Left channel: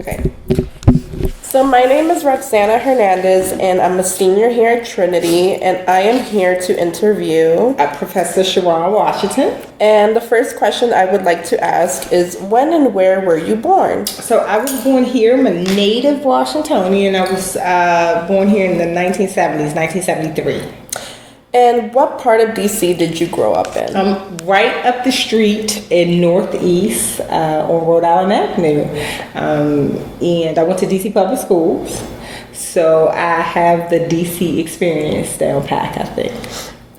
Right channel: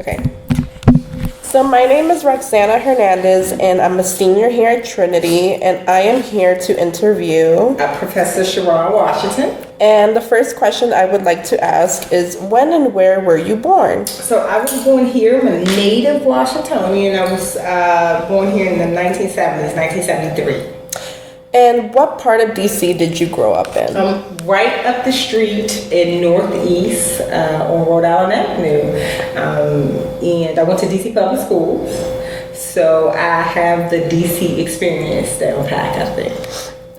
Okay. So my name is Roxana Hernandez, and I'm a senior here at Trinity, and I am here to interview Professor Sherron Washington. And the first question I would like to ask is, when and where were you born? So I was born here. I'm a native Washingtonian. I was born here in the 1970s, 1973. And what part of DC did you grow up in? Right up the street in Northeast on Rhode Island Avenue. And I went to DC Public Schools. So I have the DC experience down pat, I think.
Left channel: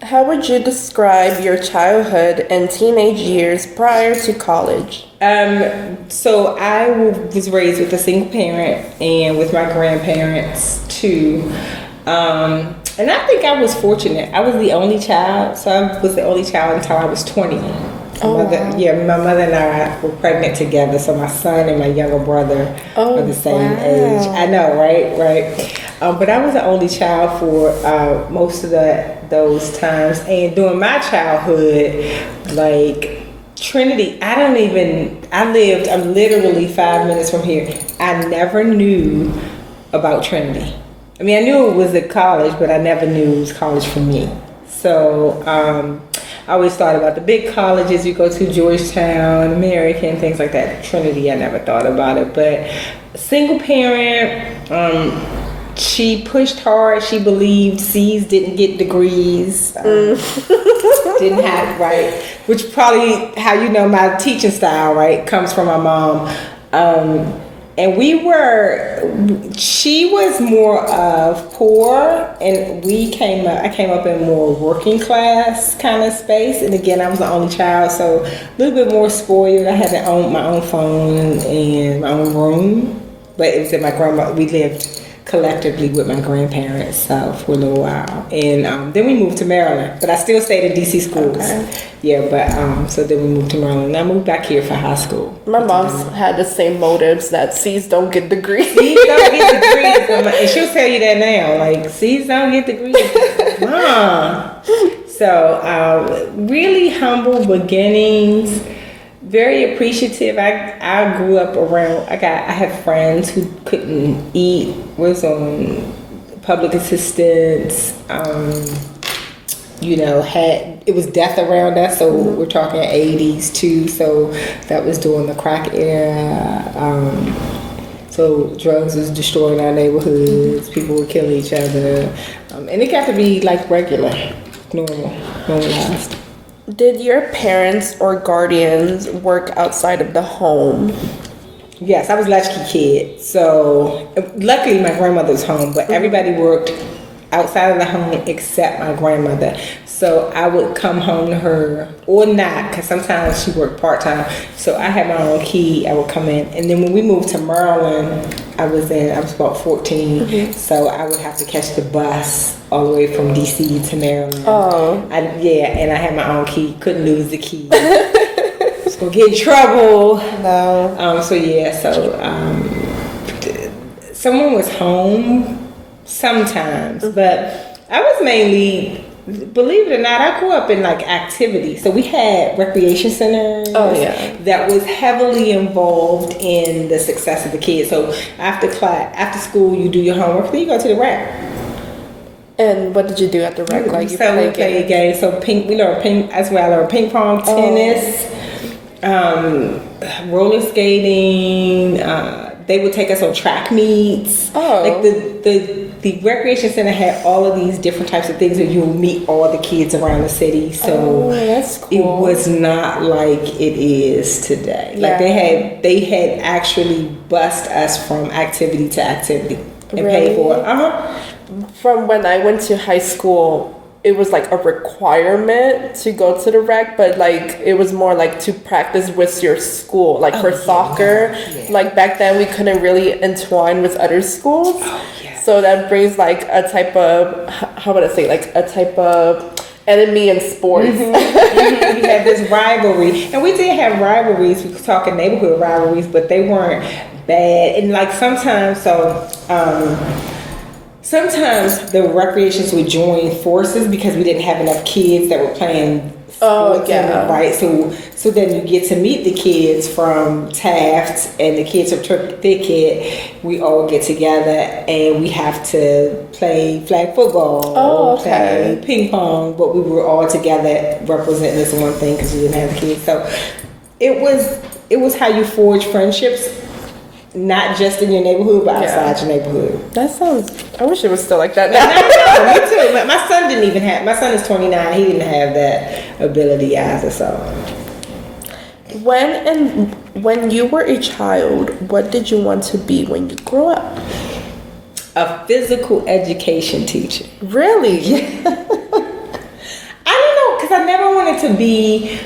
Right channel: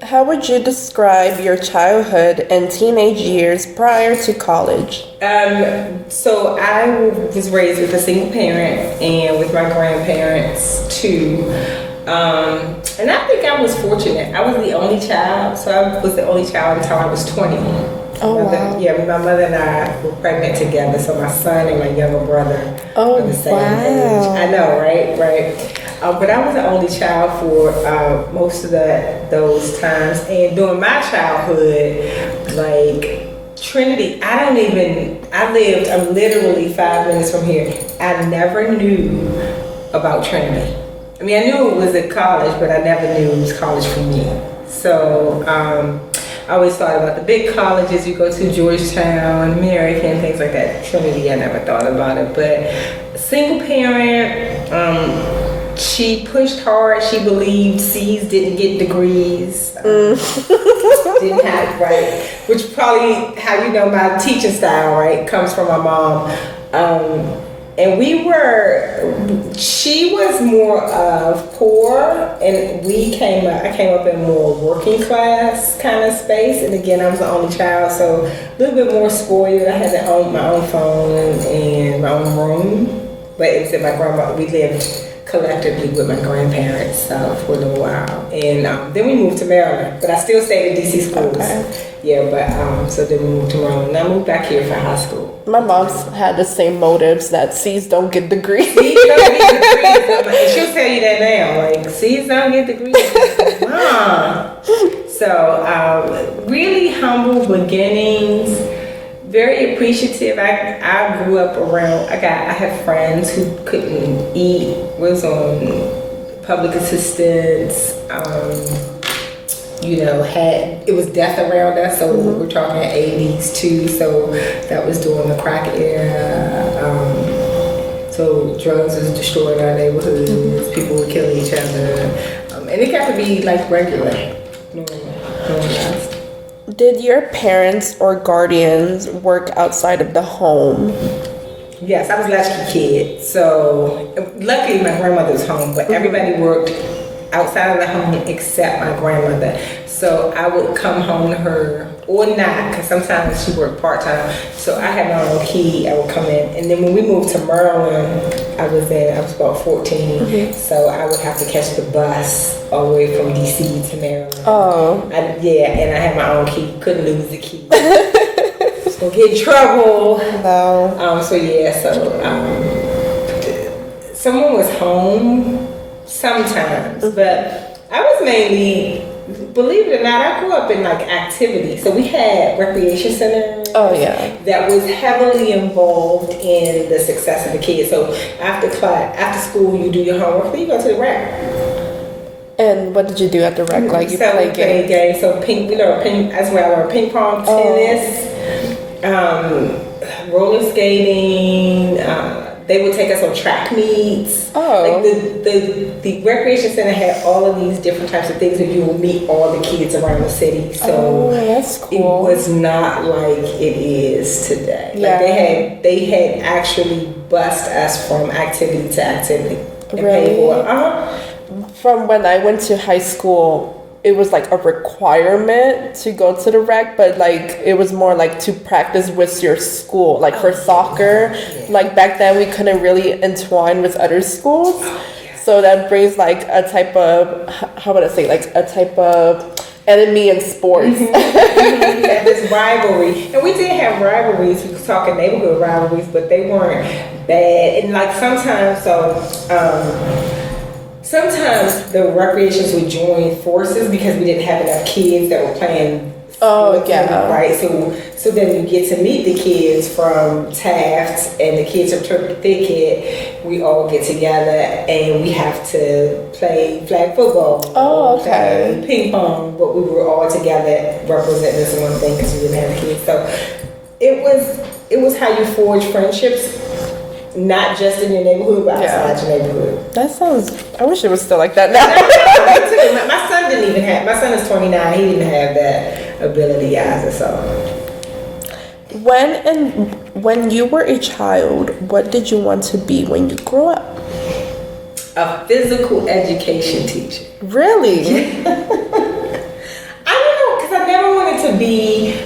How would you describe your childhood and teenage years prior to college? So I was raised with a single parent and with my grandparents too. And I think I was fortunate. I was the only child, so I was the only child until I was 20. Oh, wow. Yeah, my mother and I were pregnant together, so my son and my younger brother were the same wow. age. I know, right? But I was the only child for most of those times. And during my childhood, like Trinity, I'm literally 5 minutes from here. I never knew about Trinity. I mean, I knew it was a college, but I never knew it was college for me. So I always thought about the big colleges you go to, Georgetown, American, things like that. Trinity, I never thought about it. But single parent, she pushed hard. She believed C's didn't get degrees. Didn't have, right? Which probably how you know my teaching style, right, comes from my mom. And she was more of poor, and I came up in more working class kind of space. And again, I was the only child, so a little bit more spoiled. I had my own phone and my own room, but it was at my grandma. We lived collectively with my grandparents for a little while, and then we moved to Maryland. But I still stayed in DC schools. Okay. Yeah, but so then we moved to Maryland. And I moved back here for high school. My mom's had the same motives that C's don't get degrees. C's don't get degrees, and she'll tell you that now. Like C's don't get degrees, Mom. So really humble beginnings. Very appreciative. I grew up around. I had friends who couldn't eat. Was on public assistance. It was death around us. So we're talking 80s too. So that was during the crack era. So drugs was destroying our neighborhoods. People were killing each other, and it got to be like regular, normalized. Did your parents or guardians work outside of the home? Yes, I was a latchkey kid. So luckily my grandmother was home, but everybody worked outside of the home except my grandmother. So I would come home to her or not, because sometimes she worked part-time. So I had my own key. I would come in. And then when we moved to Maryland, I was about 14. Mm-hmm. So I would have to catch the bus all the way from DC to Maryland. Oh. And I had my own key. Couldn't lose the key. Just gonna get in trouble. No. Someone was home sometimes, but I was mainly, believe it or not, I grew up in like activities. So we had recreation centers. Oh yeah. That was heavily involved in the success of the kids. So after school, you do your homework, then you go to the rec. And what did you do at the rec? Like you play games. So ping as well, or ping pong, tennis, roller skating. They would take us on track meets. Oh. Like the recreation center had all of these different types of things that you would meet all the kids around the city. So that's cool. It was not like it is today. Yeah. Like they had actually bused us from activity to activity. Really? From when I went to high school, it was like a requirement to go to the rec, but like it was more like to practice with your school, like for soccer. Yeah. Like back then we couldn't really entwine with other schools. So that brings like a type of, how would I say, like a type of enemy in sports. Mm-hmm. We had this rivalry, and we did have rivalries. We were talking neighborhood rivalries, but they weren't bad. And like sometimes the recreations would join forces because we didn't have enough kids that were playing. Oh yeah. Right. So then you get to meet the kids from Taft and the kids from Turkey Thicket. We all get together and we have to play flag football. Oh, okay. Play ping pong, but we were all together representing this one thing because we didn't have kids. So it was how you forge friendships. Not just in your neighborhood, but outside your neighborhood. That sounds. I wish it was still like that now. Me too. My son didn't even have. My son is 29. He didn't have that ability either. So. When you were a child, what did you want to be when you grew up? A physical education teacher. Really? I don't know, because I never wanted to be.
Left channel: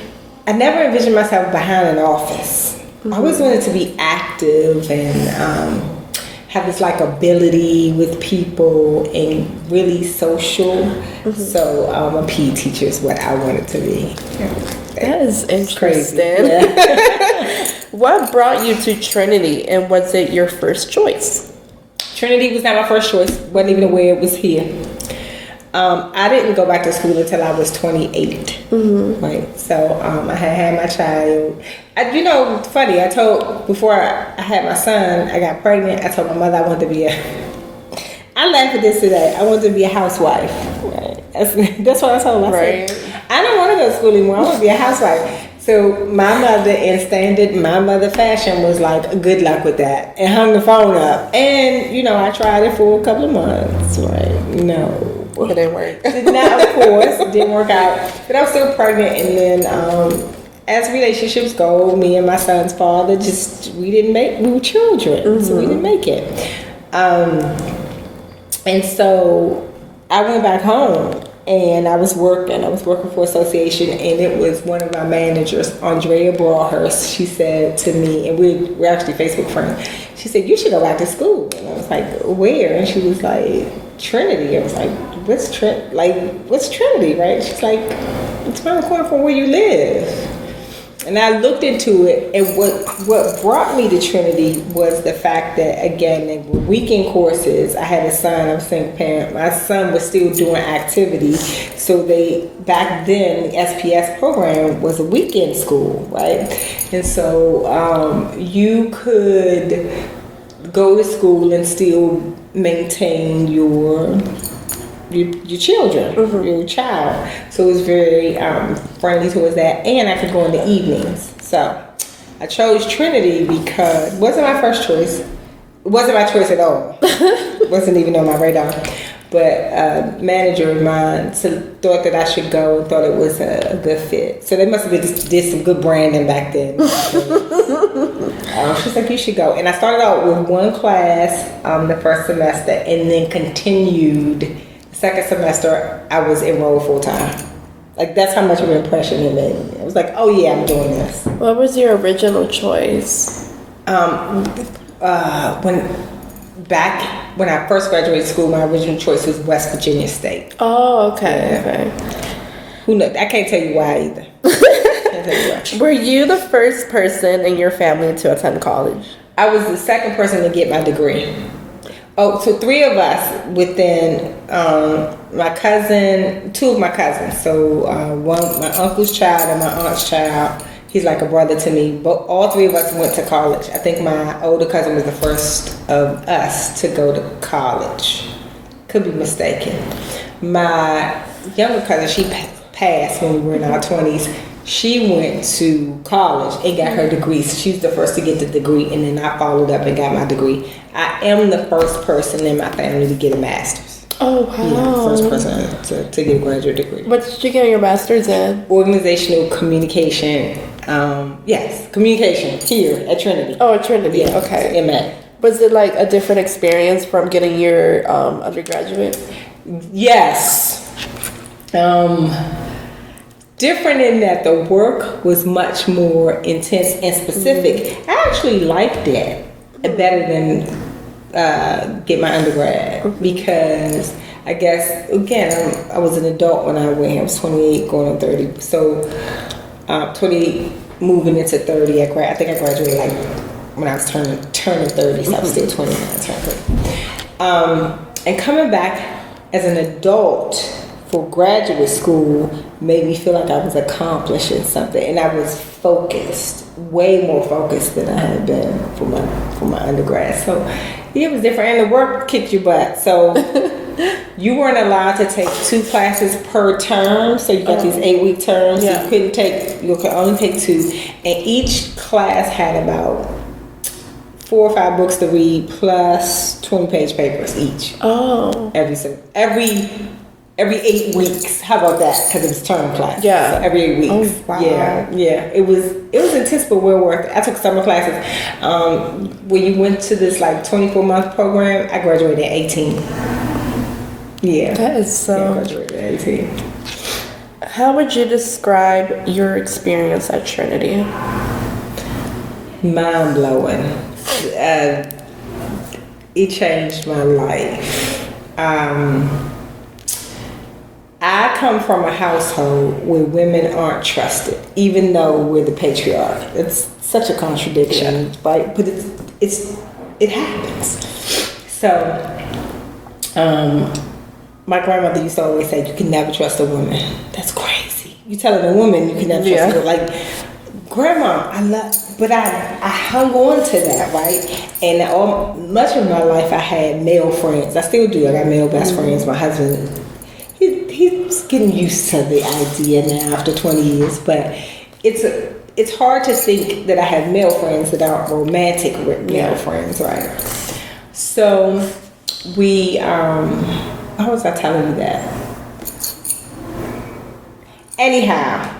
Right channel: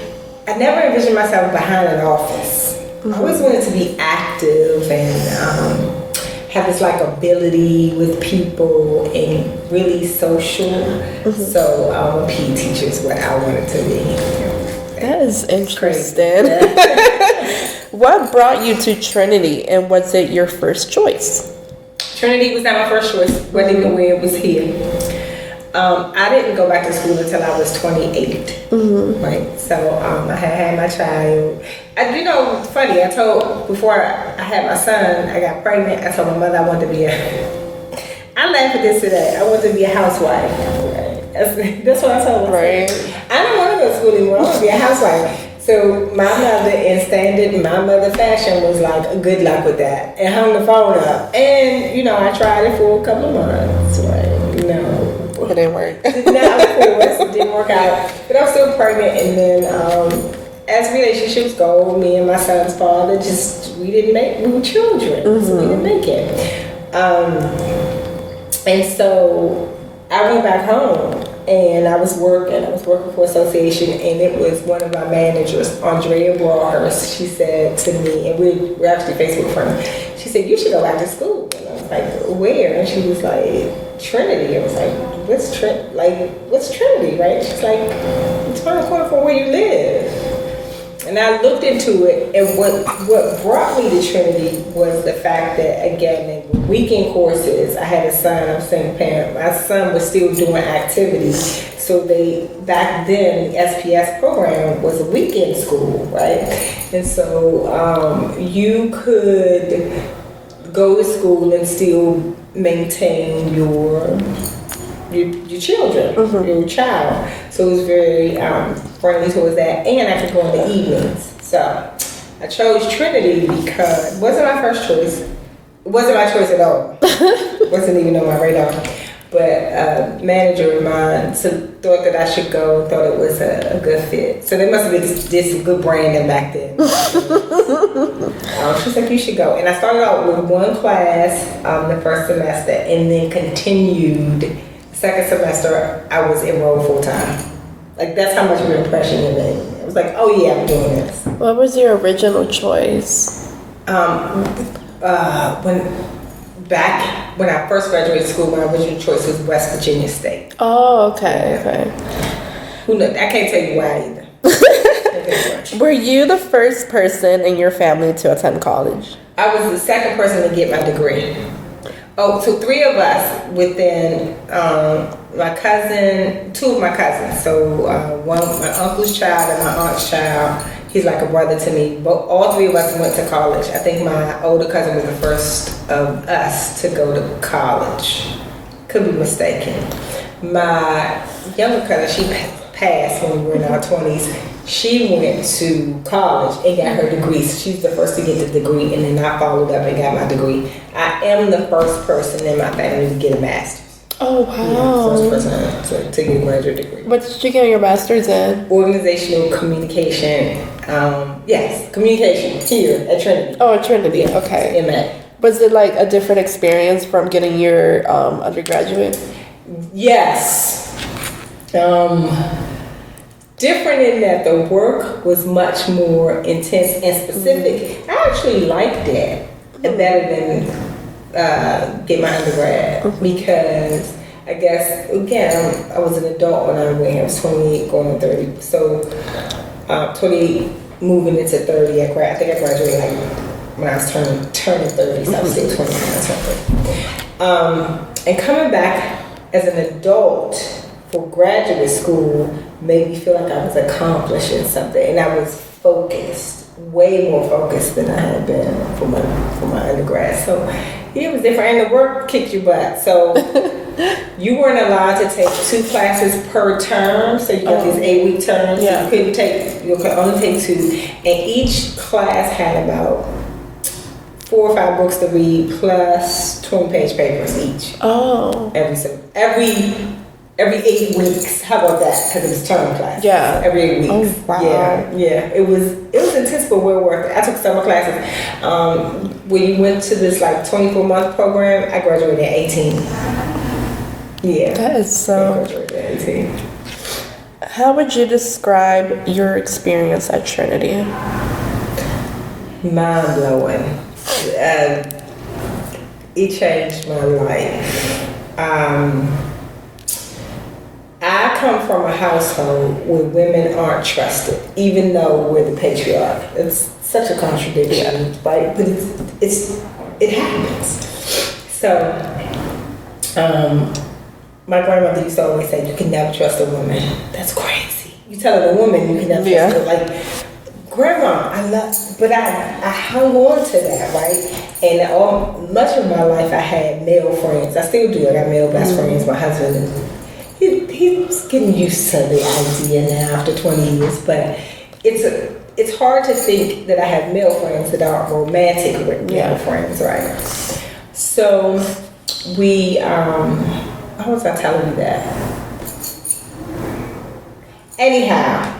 I never envisioned myself behind an office. I always wanted to be active and have this like ability with people and really social. So a PE teacher is what I wanted to be. That is interesting. What brought you to Trinity, and was it your first choice? Trinity was not my first choice. Wasn't even where it was here. I didn't go back to school until I was 28. Right, so I had my child. You know, it's funny. Before I had my son, I got pregnant. I told my mother I wanted to be I laugh at this today. I wanted to be a housewife. Right. That's what I told myself. Right. I don't want to go to school anymore. I want to be a housewife. So my mother, in standard my mother fashion, was like, good luck with that, and hung the phone up. And you know, I tried it for a couple of months. Right. You know. It didn't work. Now, of course, it didn't work out. But I'm still pregnant, and then as relationships go, me and my son's father we were children, so we didn't make it. And so I went back home, and I was working for association, and it was one of my managers, Andrea Broadhurst. She said to me, and we're actually Facebook friends. She said, "You should go back to school." And I was like, "Where?" And she was like, "Trinity." I was like, what's Trinity, right? She's like, it's around the corner from where you live. And I looked into it, and what brought me to Trinity was the fact that, again, in weekend courses, I had a son, I'm a single parent. My son was still doing activities. So back then, the SPS program was a weekend school, right? And so you could go to school and still maintain your children, your child. So it was very friendly towards that, and I could go in the evenings. So I chose Trinity because it wasn't my first choice. It wasn't my choice at all. Wasn't even on my radar. But a manager of mine thought that I should go, thought it was a good fit. So they must have did some good branding back then. She's like, you should go. And I started out with one class the first semester, and then continued. Second semester, I was enrolled full time. Like, that's how much of an impression it made. I was like, oh yeah, I'm doing this. What was your original choice? When I first graduated school, my original choice was West Virginia State. Oh, okay, okay. Who knows? I can't tell you why either. Were you the first person in your family to attend college? I was the second person to get my degree. Oh, so three of us within my cousin, two of my cousins. So one, my uncle's child and my aunt's child. He's like a brother to me. But all three of us went to college. I think my older cousin was the first of us to go to college. Could be mistaken. My younger cousin, she passed when we were in our 20s. She went to college and got her degree. So she was the first to get the degree, and then I followed up and got my degree. I am the first person in my family to get a master's. Oh, wow. Yeah, first person to get a graduate degree. What did you get your master's in? Organizational communication. Yes, communication here at Trinity. Oh, at Trinity, yeah, okay. MA. Was it like a different experience from getting your undergraduate? Yes. Different in that the work was much more intense and specific. I actually liked that better than get my undergrad because I guess, again, I was an adult when I went. I was 28 going on 30. So 20 moving into 30, I think I graduated like when I was turning 30, so I was still 29 something. And coming back as an adult for graduate school made me feel like I was accomplishing something, and I was focused, way more focused than I had been for my undergrad. So it was different, and the work kicked your butt. So you weren't allowed to take 2 classes per term. So you got these 8-week terms. Yeah. So you could only take 2, and each class had about 4 or 5 books to read plus 20-page papers each. Oh. Every 8 weeks. How about that? Because it was term class. Yeah. So every 8 weeks. Oh, wow. Yeah. It was intense, but well worth it. I took summer classes. When you went to this like 24-month program, I graduated at 18. Yeah. That is so. I graduated at 18. How would you describe your experience at Trinity? Mind blowing. It changed my life. I come from a household where women aren't trusted, even though we're the patriarch. It's such a contradiction, right? But it happens. So, my grandmother used to always say, "You can never trust a woman." That's crazy. You telling a woman you can never trust her, like, Grandma, but I hung on to that, right? And much of my life I had male friends. I still do. I got male best friends. My husband, he's getting used to the idea now after 20 years, but it's hard to think that I have male friends that are romantic with male friends, right? So how was I telling you that? Anyhow,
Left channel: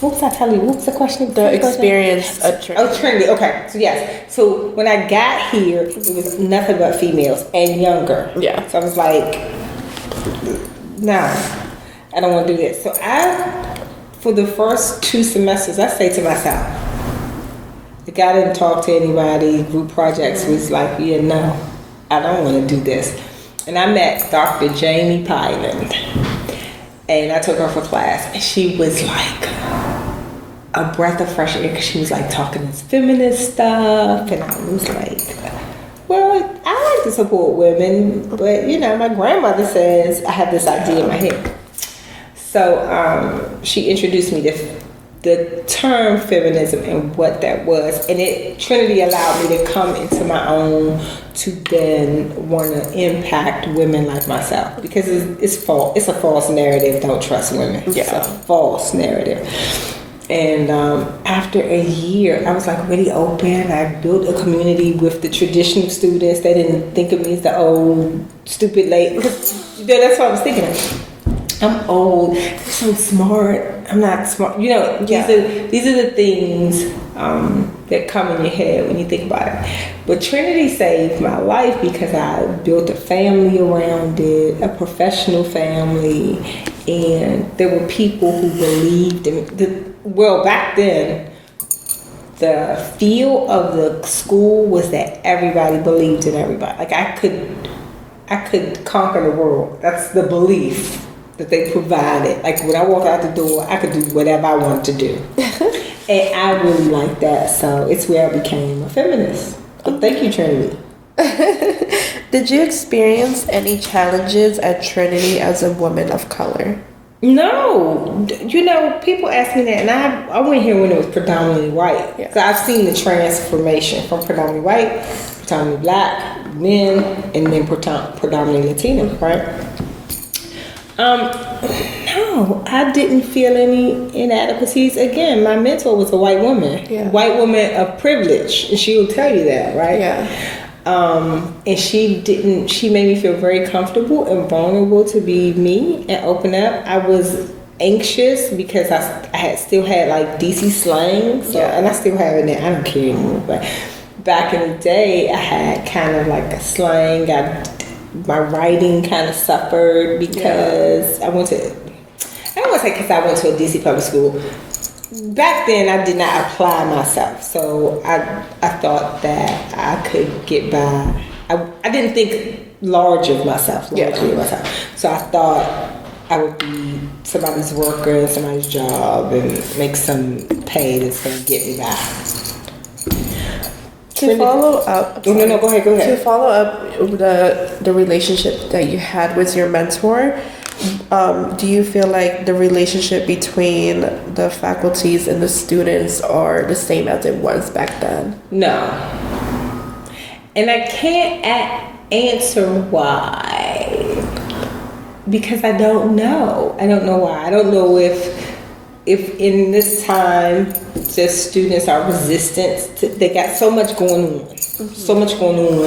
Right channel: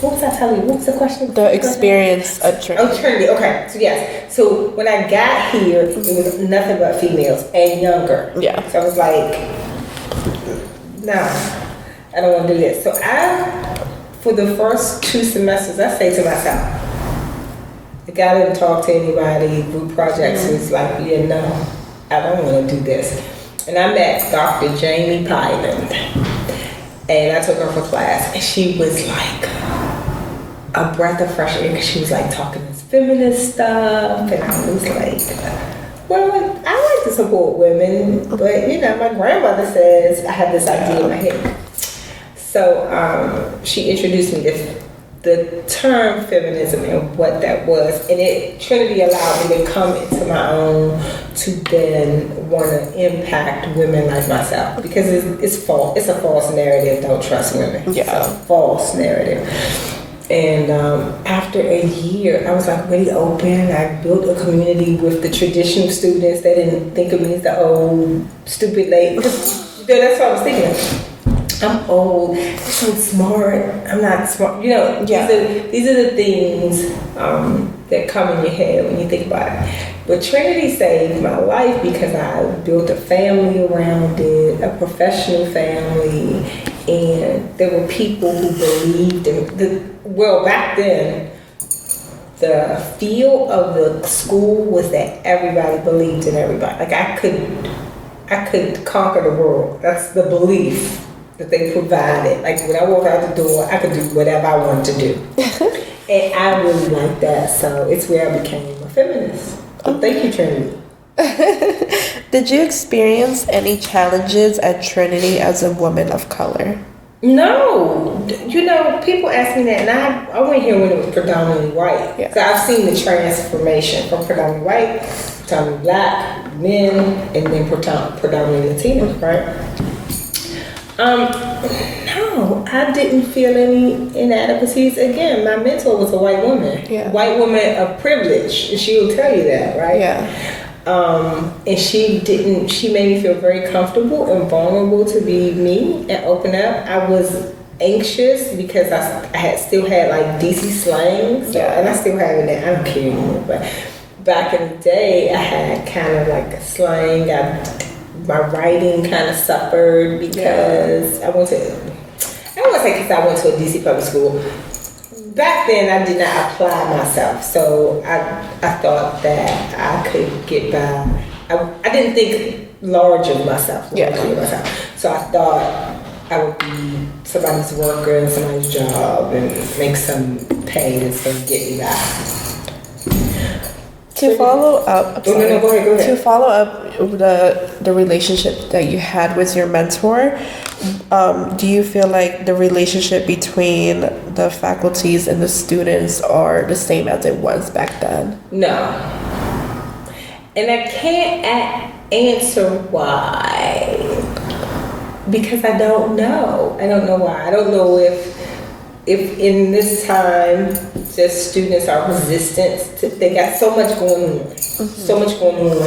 what was I telling you? What was the question? The experience at Trinity. Oh, Trinity. Okay. So yes. So when I got here, it was nothing but females and younger. Yeah. So I was like, nah, I don't want to do this. So for the first 2 semesters, I stayed to myself. Like, I didn't talk to anybody. Group projects was like, yeah, no, I don't want to do this. And I met Dr. Jamie Pyland. And I took her for class, and she was like a breath of fresh air, because she was like talking this feminist stuff, and I was like, well, I like to support women, but my grandmother says I have this idea in my head. So she introduced me to the term feminism and what that was, and Trinity allowed me to come into my own to then want to impact women like myself, because it's false. It's a false narrative. Don't trust women. Yeah, it's a false narrative. And after a year, I was like really open. I built a community with the traditional students. They didn't think of me as the old stupid lady. That's what I was thinking. I'm old, I'm smart, I'm not smart. These are the things that come in your head when you think about it. But Trinity saved my life because I built a family around it, a professional family, and there were people who believed in back then, the feel of the school was that everybody believed in everybody. Like I could conquer the world. That's the belief that they provided. Like when I walked out the door, I could do whatever I wanted to do. And I really liked that. So it's where I became a feminist. Thank you, Trinity. Did you experience any challenges at Trinity as a woman of color? No. People ask me that, and I went here when it was predominantly white. Yeah. So I've seen the transformation from predominantly white, predominantly black, men, and then predominantly Latino, right? No, I didn't feel any inadequacies. Again, my mentor was a white woman. Yeah. White woman of privilege, and she will tell you that, right? Yeah. And she made me feel very comfortable and vulnerable to be me and open up. I was anxious because I still had like DC slang, and I still have it now. I don't care anymore, but back in the day, I had kind of like a slang. My writing kind of suffered because I don't want to say because I went to a DC public school. Back then, I did not apply myself, so I thought that I could get by. I didn't think large of myself. So I thought I would be somebody's worker, somebody's job, and make some pay that's going to get me by. To follow up, Go ahead. To follow up the relationship that you had with your mentor, do you feel like the relationship between the faculties and the students are the same as it was back then? No. And I can't answer why. Because I don't know. I don't know why. I don't know if in this time just students are resistant they got so much going on. So much going on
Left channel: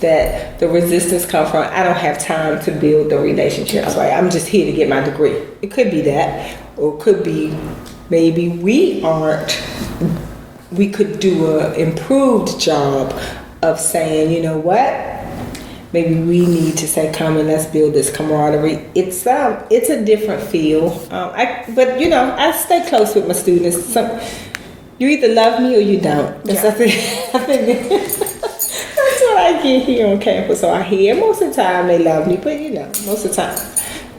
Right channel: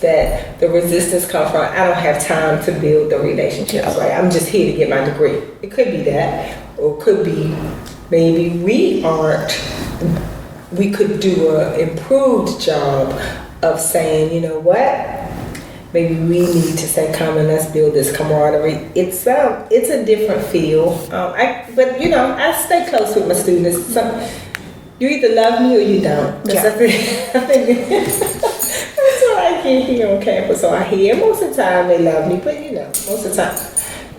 that the resistance comes from I don't have time to build the relationships. Right? I'm just here to get my degree. It could be that, or it could be maybe we could do an improved job of saying, you know what? Maybe we need to say, come and let's build this camaraderie. It's a different feel. But you know, I stay close with my students. So you either love me or you don't. Yeah. I think that's what I get here on campus. So I hear most of the time they love me, but you know, most of the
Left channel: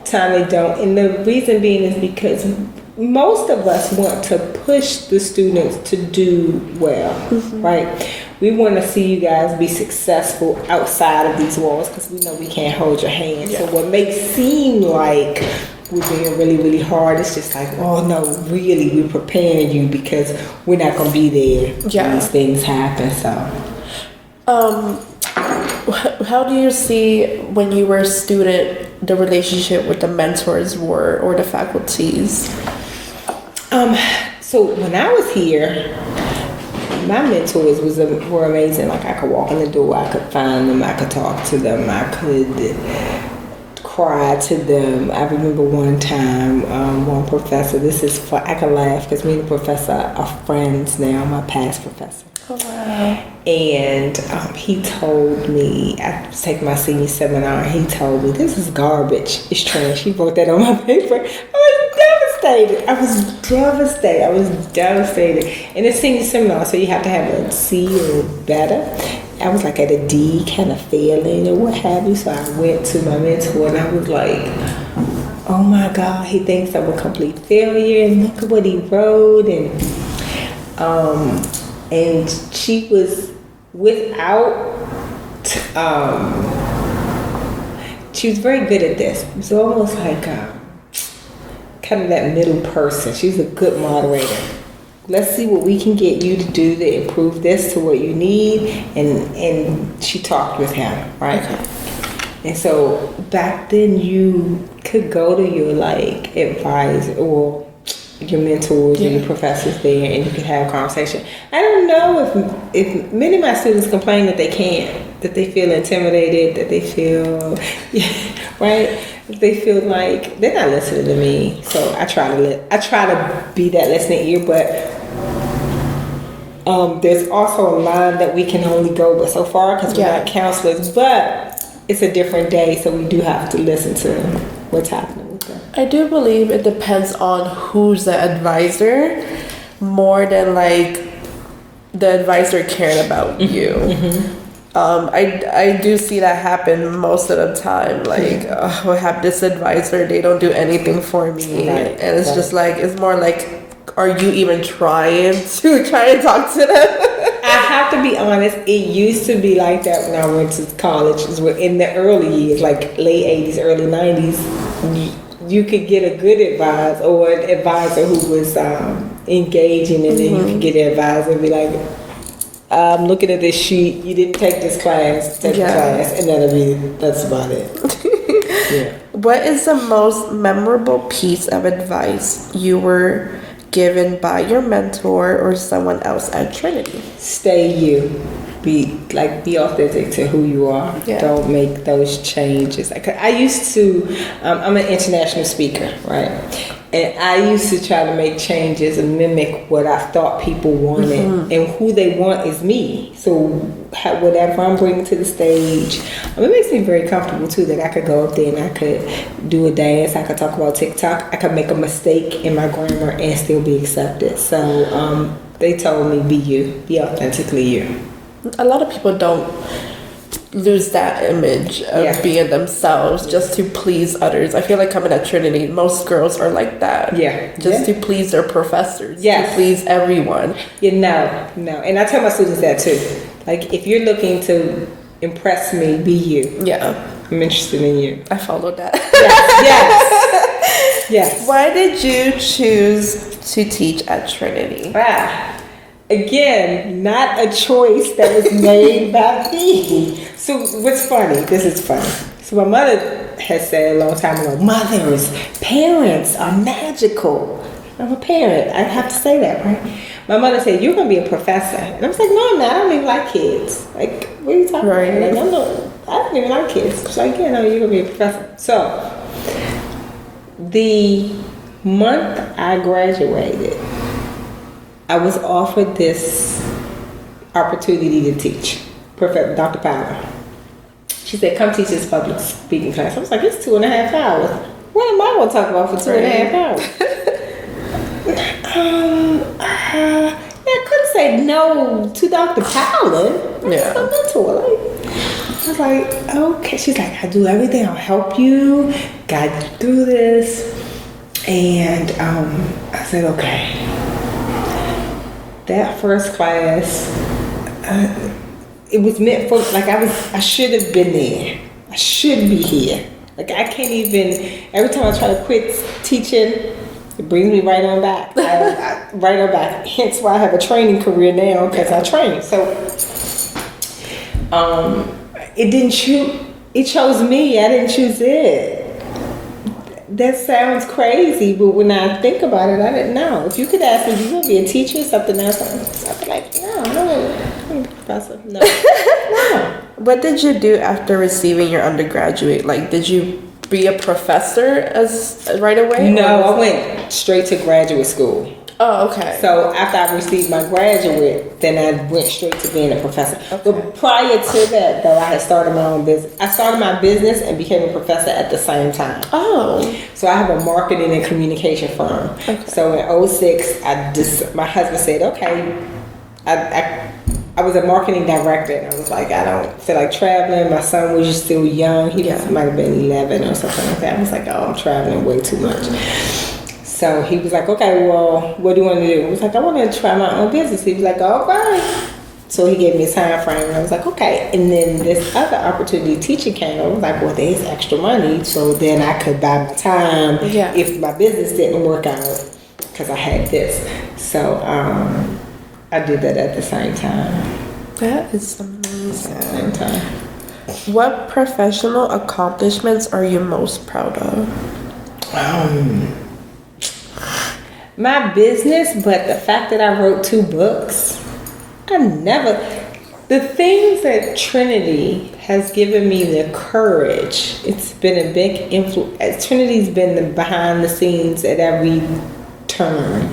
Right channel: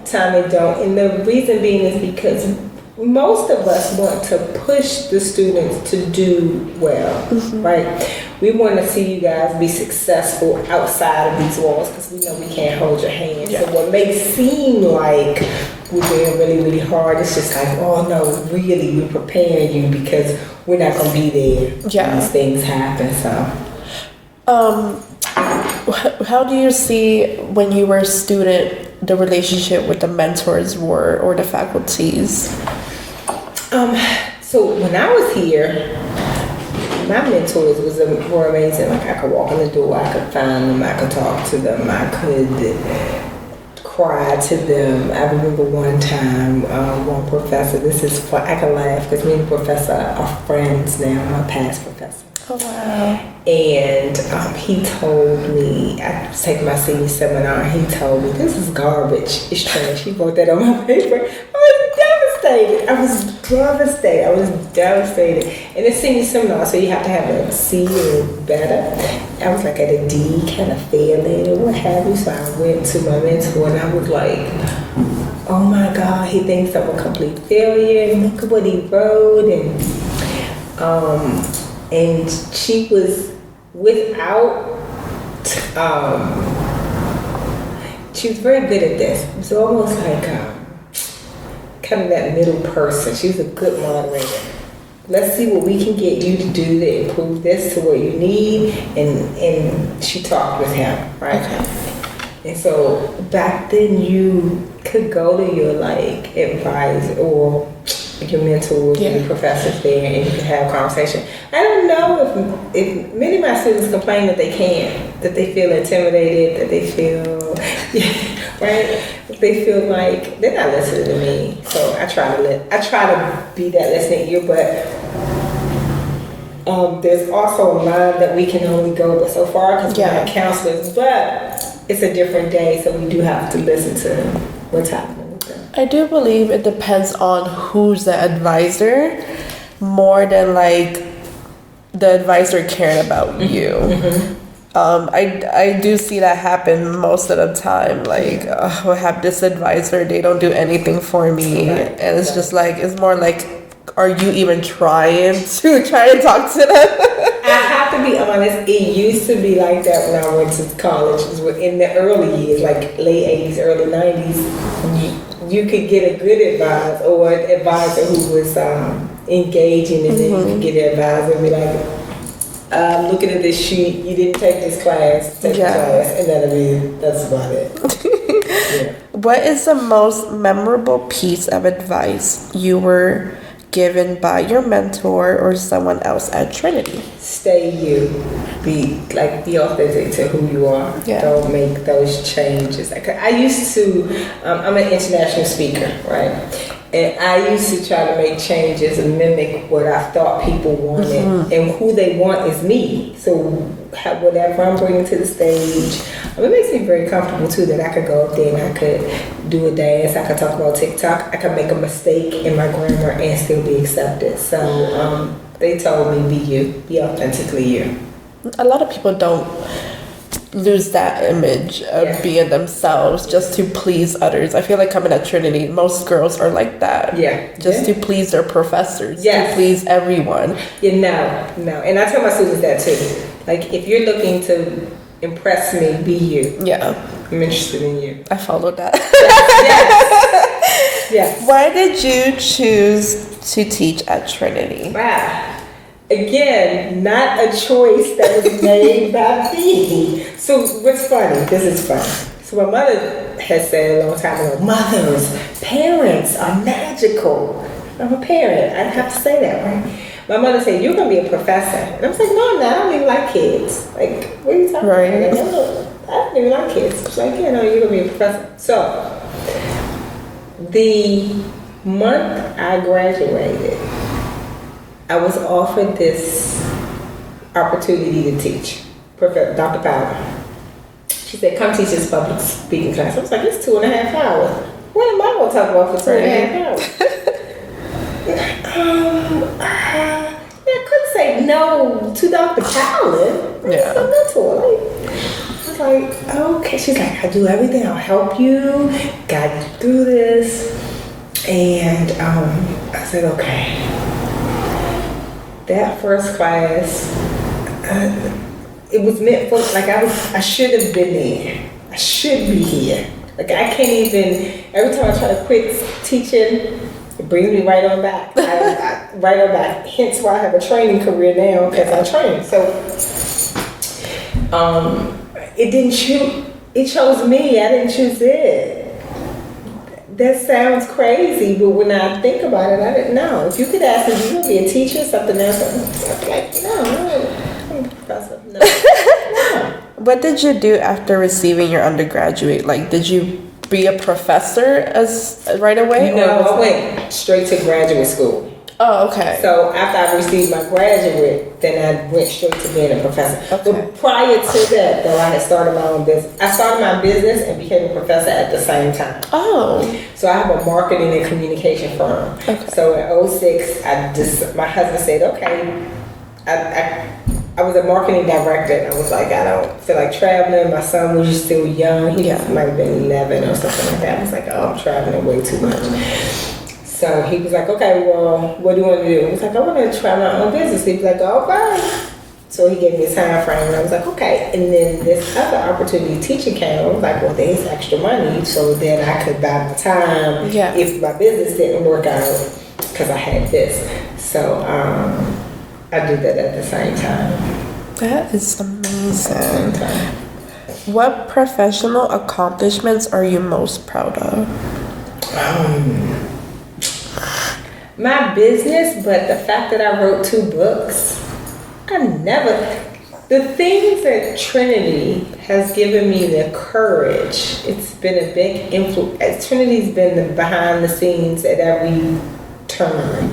time they don't. And the reason being is because most of us want to push the students to do well, right? We want to see you guys be successful outside of these walls because we know we can't hold your hand. Yeah. So what may seem like we're doing really, really hard, it's just like, oh no, really, we're preparing you because we're not going to be there when these things happen. So, how do you see when you were a student the relationship with the mentors were or the faculties? So when I was here, my mentors were amazing. Like I could walk in the door, I could find them, I could talk to them, I could cry to them. I remember one time, one professor. I can laugh because me and the professor are friends now. My past professor. Oh wow! And he told me, I was taking my senior seminar, he told me, this is garbage, it's trash. He wrote that on my paper. I was devastated. And it's senior seminar, so you have to have a C or better. I was like at a D, kind of failing or what have you. So I went to my mentor and I was like, oh my God, he thinks I'm a complete failure. And look at what he wrote. And she was she was very good at this. It was almost like kind of that middle person. She was a good moderator. Let's see what we can get you to do to improve this to what you need. And she talked with him, right? Okay. And so back then you could go to your like advisor or your mentors and your professors there and you could have a conversation. I don't know if many of my students complain that they can't, that they feel intimidated, that they feel, right? They feel like they're not listening to me. So I try to be that listening ear, but there's also a line that we can only go but so far because we're not counselors, but it's a different day, so we do have to listen to what's happening. I do believe it depends on who's the advisor more than like the advisor caring about you. Mm-hmm. I do see that happen most of the time. Like, I have this advisor, they don't do anything for me. And it's just like, it's more like, are you even trying to talk to them? I have to be honest, it used to be like that when I went to college. In the early years, like late 80s, early 90s. You could get a good advisor or an advisor who was engaging, and then you could get an advisor and be like, I'm looking at this sheet, you didn't take this class, take the class, and that's about it. What is the most memorable piece of advice you were given by your mentor or someone else at Trinity? Stay you. Be authentic to who you are. Don't make those changes. Like I used to, I'm an international speaker, right? And I used to try to make changes and mimic what I thought people wanted. And who they want is me. So whatever I'm bringing to the stage, it makes me very comfortable too that I could go up there and I could do a dance, I could talk about TikTok, I could make a mistake in my grammar and still be accepted. So they told me, be you, be authentically you. A lot of people don't lose that image of being themselves just to please others. I feel like coming at Trinity, most girls are like that. Just to please their professors, to please everyone. No. And I tell my students that too. Like, if you're looking to impress me, be you. Yeah. I'm interested in you. I followed that. Yes. Yes. Why did you choose to teach at Trinity? Wow. Again, not a choice that was made by me. So what's funny? This is funny. So my mother has said a long time ago, mothers, parents are magical. I'm a parent. I have to say that, right? My mother said, you're going to be a professor. And I was like, no, I'm not. I don't even like kids. Like, what are you talking right. about? Like, no, I don't even like kids. She's like, yeah, no, you're going to be a professor. So the month I graduated, I was offered this opportunity to teach. Professor Dr. Powell. She said, come teach this public speaking class. I was like, it's 2.5 hours. What am I going to talk about for 2.5 hours? I couldn't say no to Dr. Powell. Yeah. I was like, okay. She's like, I do everything. I'll help you, guide you through this. And I said, okay. That first class, it was meant for, like, I should have been there. I should be here. Like, I can't even, every time I try to quit teaching, it brings me right on back. Right on back. Hence why I have a training career now, because I train. So, it didn't choose, it chose me. I didn't choose it. That sounds crazy, but when I think about it, I didn't know. If you could ask me, you going to be a teacher, something else, I'd be like, no, I'm a professor. No. What did you do after receiving your undergraduate? Like, did you be a professor as right away? No, I went straight to graduate school. Oh, okay. So after I received my graduate, then I went straight to being a professor. Okay. But prior to that, though, I had started my own business. I started my business and became a professor at the same time. Oh. So I have a marketing and communication firm. Okay. So in 2006, my husband said, okay, I was a marketing director, and I was like, I don't feel like traveling. My son was just still young. He might have been 11 or something like that. I was like, oh, I'm traveling way too much. So he was like, okay, well, what do you want to do? I was like, I want to try my own business. He was like, all right. So he gave me a time frame, and I was like, okay. And then this other opportunity teaching came. I was like, well, there's extra money, so then I could buy my time if my business didn't work out, because I had this. So I did that at the same time. That is amazing. What professional accomplishments are you most proud of? My business, but the fact that I wrote 2 books, the things that Trinity has given me the courage, it's been a big influence. Trinity's been behind the scenes at every turn.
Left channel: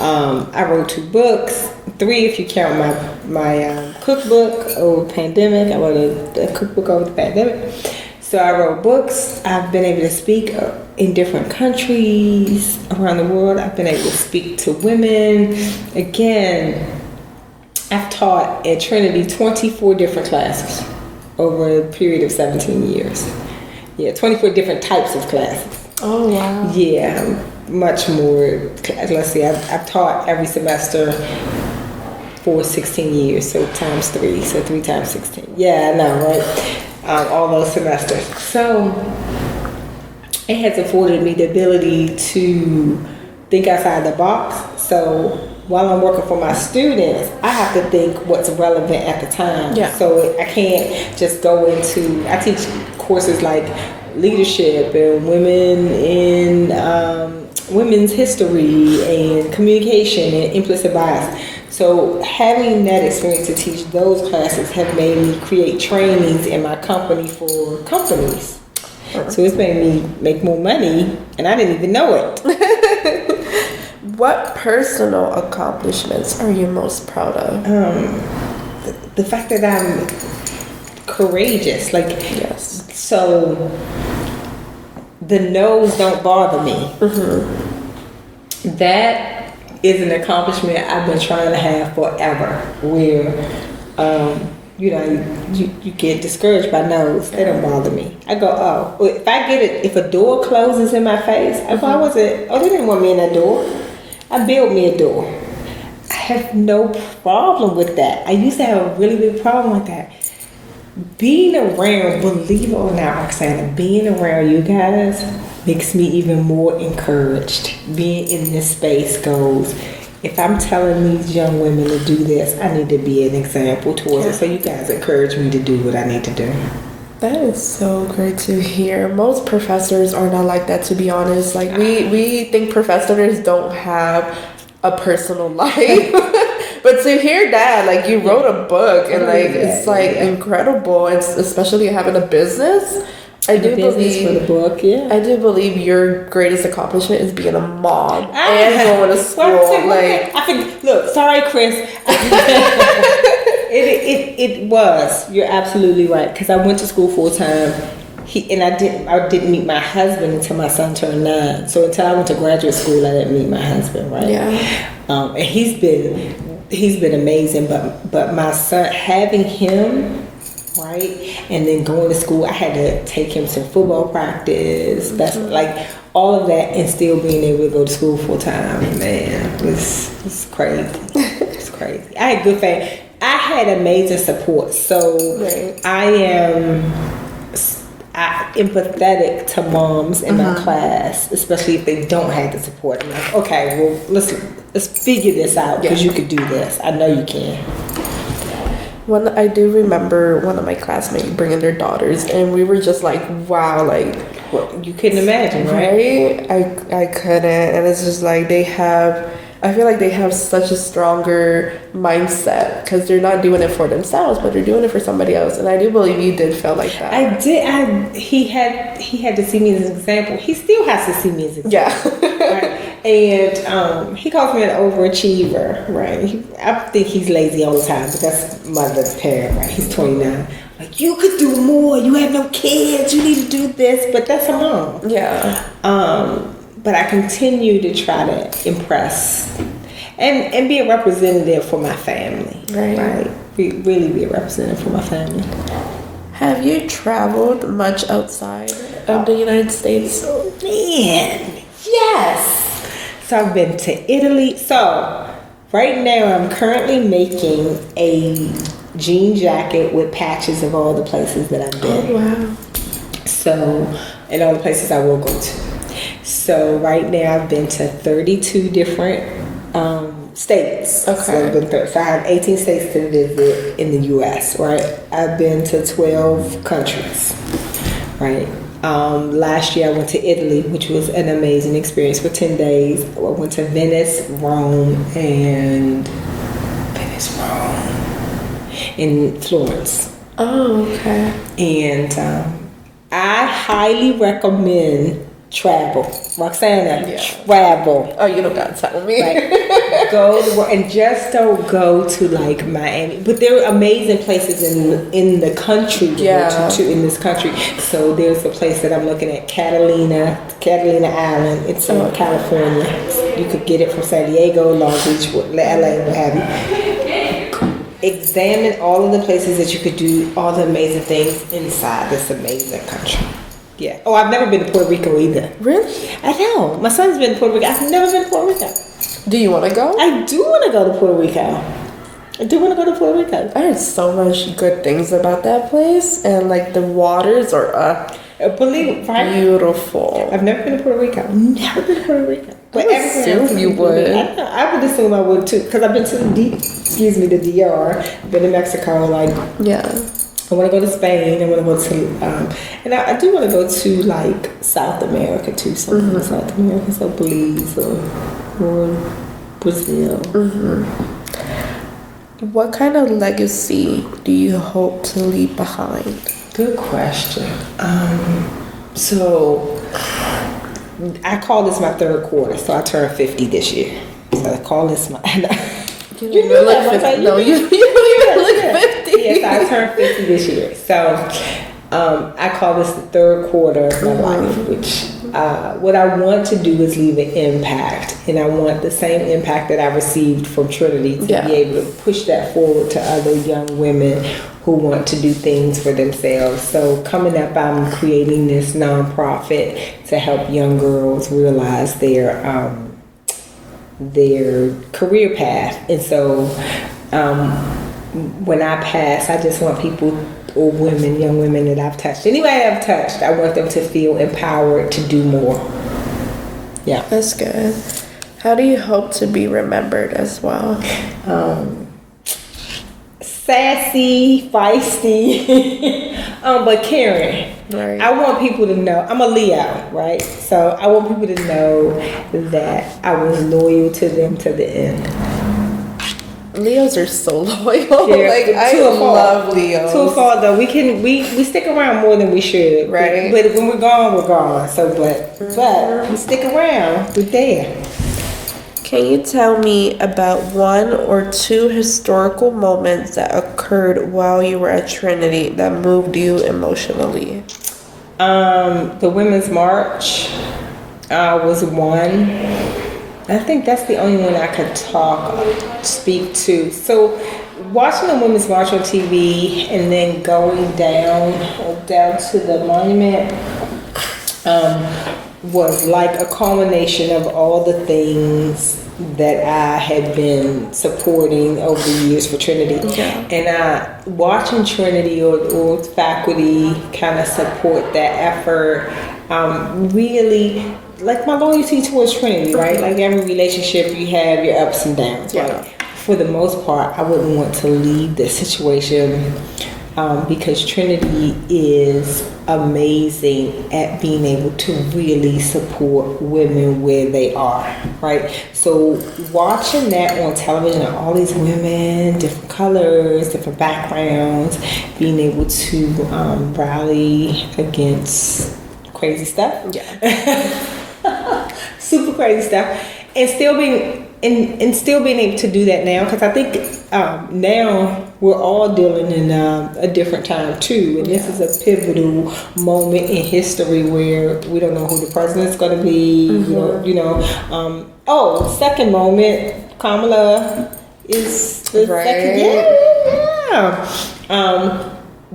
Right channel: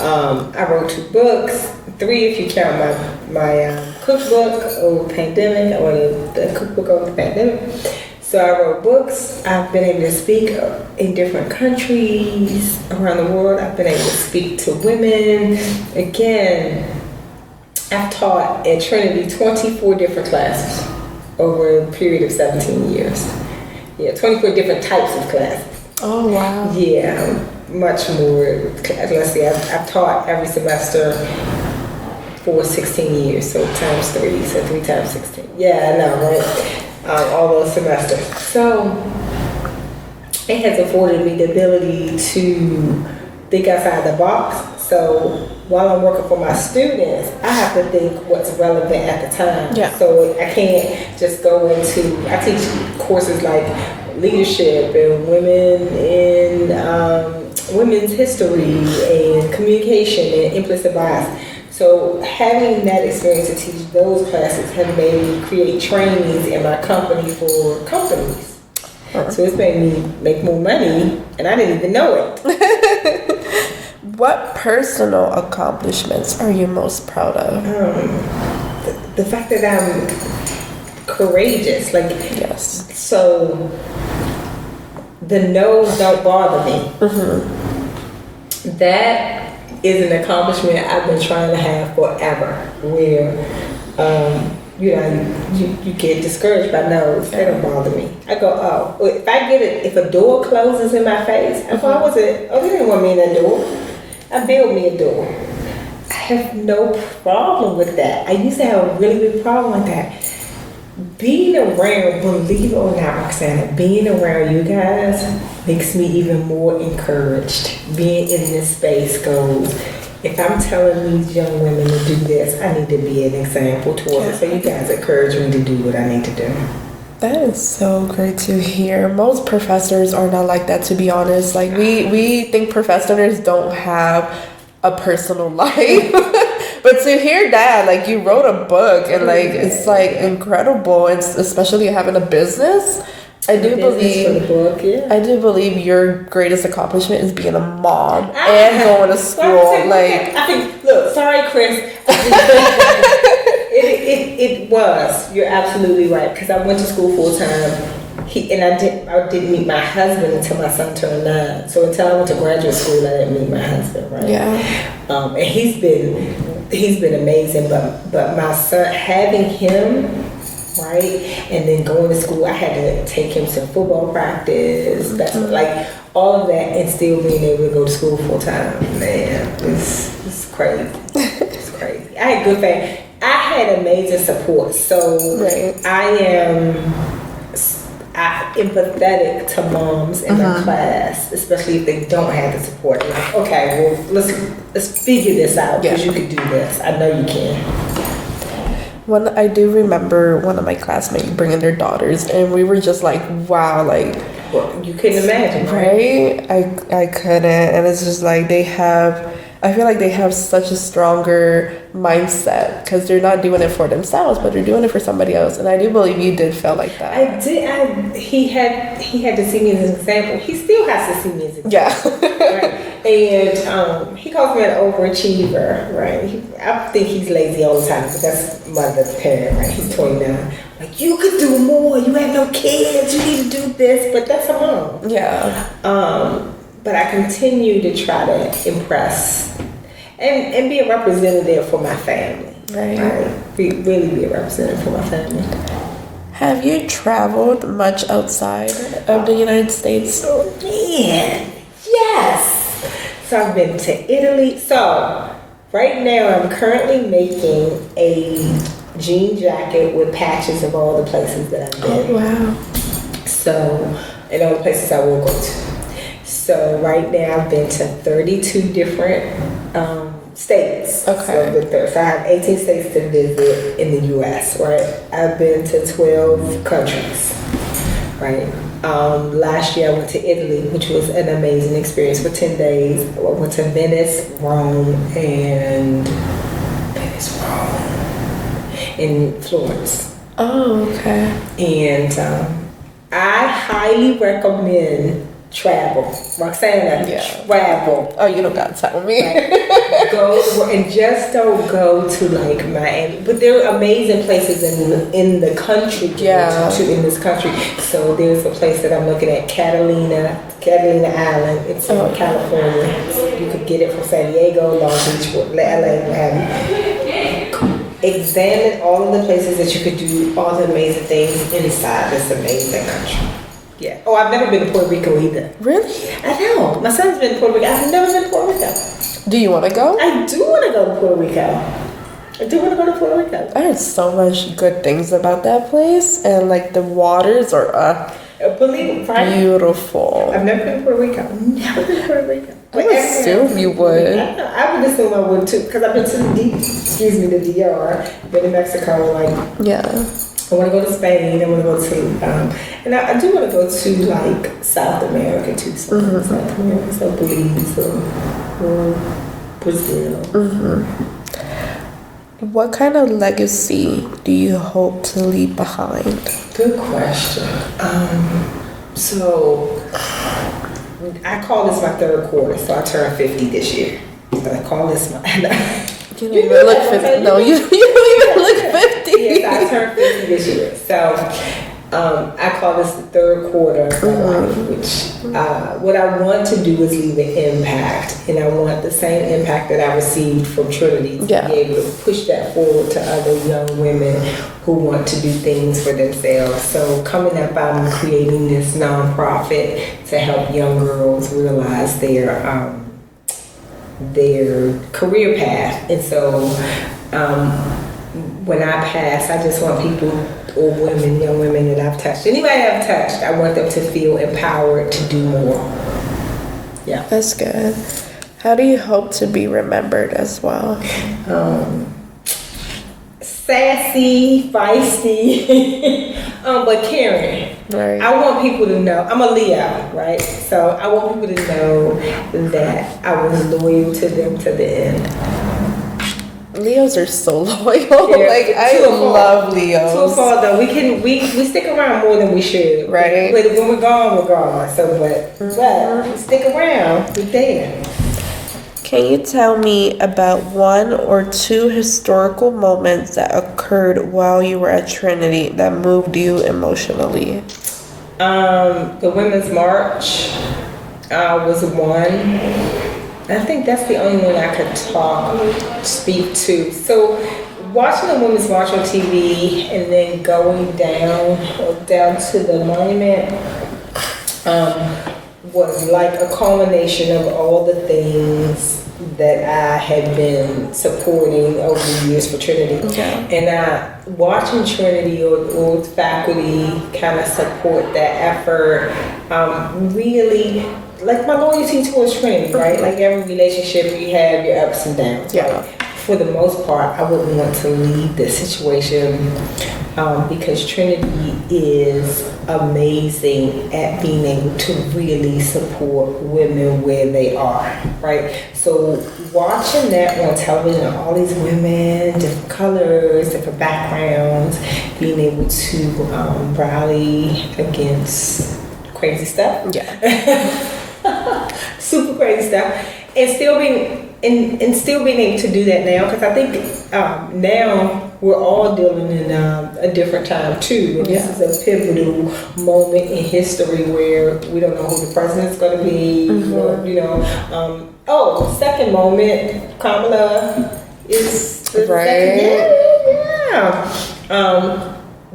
I wrote 2 books, 3 if you count my cookbook over the pandemic. I wrote a cookbook over the pandemic. So I wrote books. I've been able to speak in different countries around the world. I've been able to speak to women. Again, I've taught at Trinity 24 different classes over a period of 17 years. Yeah, 24 different types of classes. Oh, wow. Yeah, much more. Let's see, I've taught every semester for 16 years, so times 3, so 3 times 16. Yeah, I know, right? All those semesters. So it has afforded me the ability to think outside the box. So while I'm working for my students, I have to think what's relevant at the time. Yeah. So I can't just go into, I teach courses like leadership and women in women's history and communication and implicit bias. So having that experience to teach those classes have made me create trainings in my company for companies. So it's made me make more money, and I didn't even know it. What personal accomplishments are you most proud of? The fact that I'm courageous, like, yes. So the no's don't bother me. Mm-hmm. That is an accomplishment I've been trying to have forever, where you get discouraged by no's. They don't bother me. I go, oh, well, if a door closes in my face, why was it? Oh, they didn't want me in that door. I built me a door. I have no problem with that. I used to have a really big problem with that. Being around, believe it or not, Roxana, being around you guys makes me even more encouraged. Being in this space goes, if I'm telling these young women to do this, I need to be an example towards it. So you guys encourage me to do what I need to do. That is so great to hear. Most professors are not like that, to be honest. Like, we think professors don't have a personal life. But to hear that, like, you wrote a book and, like, it's, like, incredible. And especially having a business. I do believe your greatest accomplishment is being a mom and going to school. Like, I think, look, sorry, Chris. It was. You're absolutely right. Because I went to school full time. I didn't meet my husband until my son turned 9. So until I went to graduate school, I didn't meet my husband. Right. Yeah. And he's been amazing. But my son, having him, right, and then going to school, I had to take him to football practice. That's like all of that, and still being able to go to school full time. Man, it's crazy. It's crazy. I had good family. I had amazing support, so I am empathetic to moms in my class, especially if they don't have the support. Like, okay, well, let's figure this out because you can do this. I know you can. I do remember one of my classmates bringing their daughters, and we were just like, wow, like, well, you couldn't imagine, right? I couldn't, and it's just like I feel like they have such a stronger mindset because they're not doing it for themselves, but they're doing it for somebody else. And I do believe you did feel like that. I did. He had to see me as an example. He still has to see me as an example. Yeah. Right? And he calls me an overachiever, right? I think he's lazy all the time, but that's mother's parent, right? He's 29. Like, you could do more. You have no kids. You need to do this. But that's a mom. Yeah. But I continue to try to impress and be a representative for my family. Right. Really be a representative for my family. Have you traveled much outside of the United States? Oh, man, yes. So I've been to Italy. So right now I'm currently making a jean jacket with patches of all the places that I've been. Oh, wow. So, and all the places I will go to. So right now I've been to 32 different states. Okay. So I have 18 states to visit in the U.S., right? I've been to 12 countries, right? Last year I went to Italy, which was an amazing experience for 10 days. I went to Venice, Rome, and in Florence. Oh, okay. And I highly recommend travel. Roxana, travel. Oh, you don't gotta tell me. Right. Go and just don't go to like Miami. But there are amazing places in the country in this country. So there's a place that I'm looking at, Catalina Island. It's in California. You could get it from San Diego, Long Beach, LA, examine all of the places that you could do all the amazing things inside this amazing country. Yeah. Oh, I've never been to Puerto Rico either. Really? I know. My son's been to Puerto Rico. I've never been to Puerto Rico. Do you want to go? I do want to go to Puerto Rico. I heard so much good things about that place, and like the waters are beautiful. I've never been to Puerto Rico. Never been to Puerto Rico. I would assume you would. I would assume I would too, because I've been to the DR. I've been to Mexico, I want to go to Spain. I want to go to, and I do want to go to like South America too. South America, so Belize or Brazil. What kind of legacy do you hope to leave behind? Good question. So I call this my third quarter. So I turned 50 this year. So I call this my. You don't even look 50. No, you don't even look 50. Yes, I turned 50 this year. So I call this the third quarter of my life, which what I want to do is leave an impact. And I want the same impact that I received from Trinity to be able to push that forward to other young women who want to do things for themselves. So coming up, I'm creating this nonprofit to help young girls realize their their career path. And so when I pass, I just want people, or women, young women that I've touched, anybody I've touched, I want them to feel empowered to do more. Yeah. That's good. How do you hope to be remembered as well? Sassy, feisty, but caring. Right. I want people to know, I'm a Leo, right? So I want people to know that I was loyal to them to the end. Leos are so loyal. Yeah, like I love Leos. To a fault though, we stick around more than we should. Right. But when we're gone. So but we stick around, we're there. Can you tell me about one or two historical moments that occurred while you were at Trinity that moved you emotionally? The Women's March was one. I think that's the only one I could speak to. So watching the Women's March on TV and then going down to the monument was like a culmination of all the things that I had been supporting over the years for Trinity. Yeah. And watching Trinity or faculty kind of support that effort really, like my loyalty towards Trinity, right? Like every relationship you have your ups and downs. Yeah. Right? For the most part, I wouldn't want to leave this situation because Trinity is amazing at being able to really support women where they are, right? So watching that on television, all these women, different colors, different backgrounds, being able to rally against crazy stuff. Yeah. Super crazy stuff. And still being able to do that now, because I think now we're all dealing in a different time too. And this is a pivotal moment in history where we don't know who the president's going to be. Second moment, Kamala is the second.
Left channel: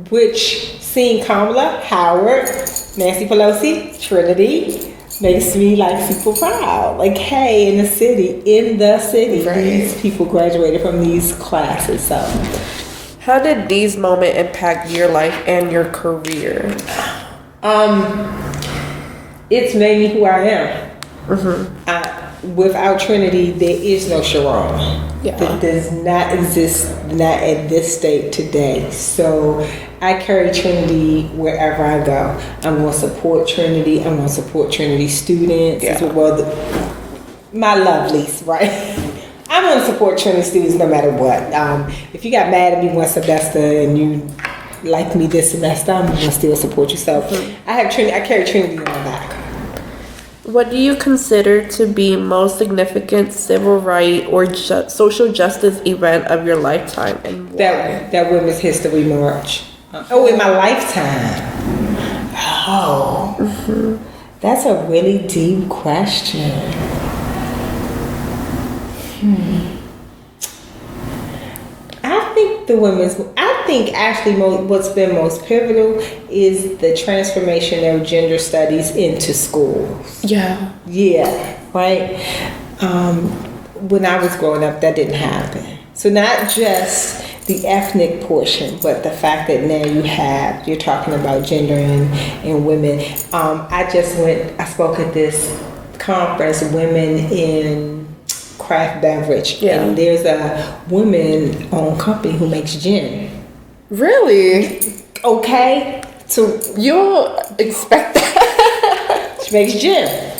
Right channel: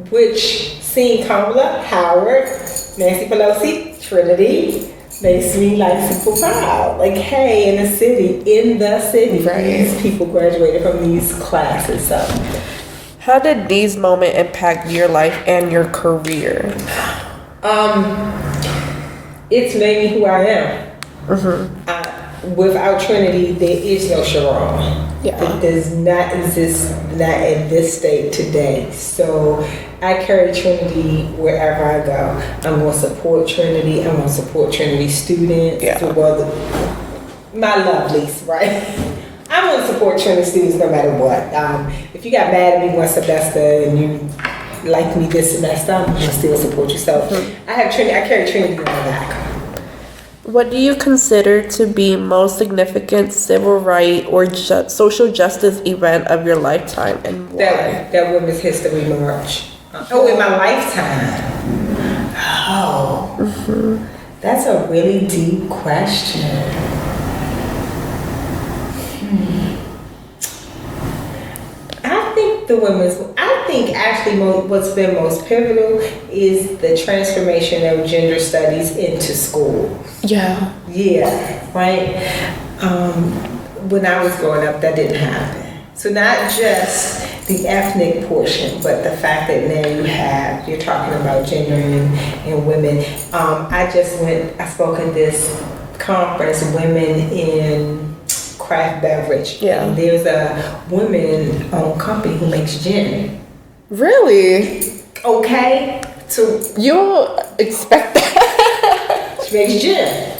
Which seeing Kamala, Howard, Nancy Pelosi, Trinity, makes me like super proud. Like, hey, in the city, these people graduated from these classes. So, how did these moments impact your life and your career? It's made me who I am. Without Trinity, there is no Sherron. Yeah. It does not exist, not at this state today. So I carry Trinity wherever I go. I'm going to support Trinity. I'm going to support Trinity students. Yeah. Well, my lovelies, right? I'm going to support Trinity students no matter what. If you got mad at me one semester and you like me this semester, I'm going to still support you. So I carry Trinity on my back. What do you consider to be most significant civil rights or social justice event of your lifetime, and why? That Women's History March. In my lifetime. That's a really deep question. I think actually what's been most pivotal is the transformation of gender studies into school. Yeah. Yeah, right? When I was growing up, that didn't happen. So not just the ethnic portion, but the fact that now you're talking about gender and women. I spoke at this conference, Women in Craft Beverage. Yeah. And there's a woman-owned company who makes gin. Really? Okay. So you don't expect that. She makes gin.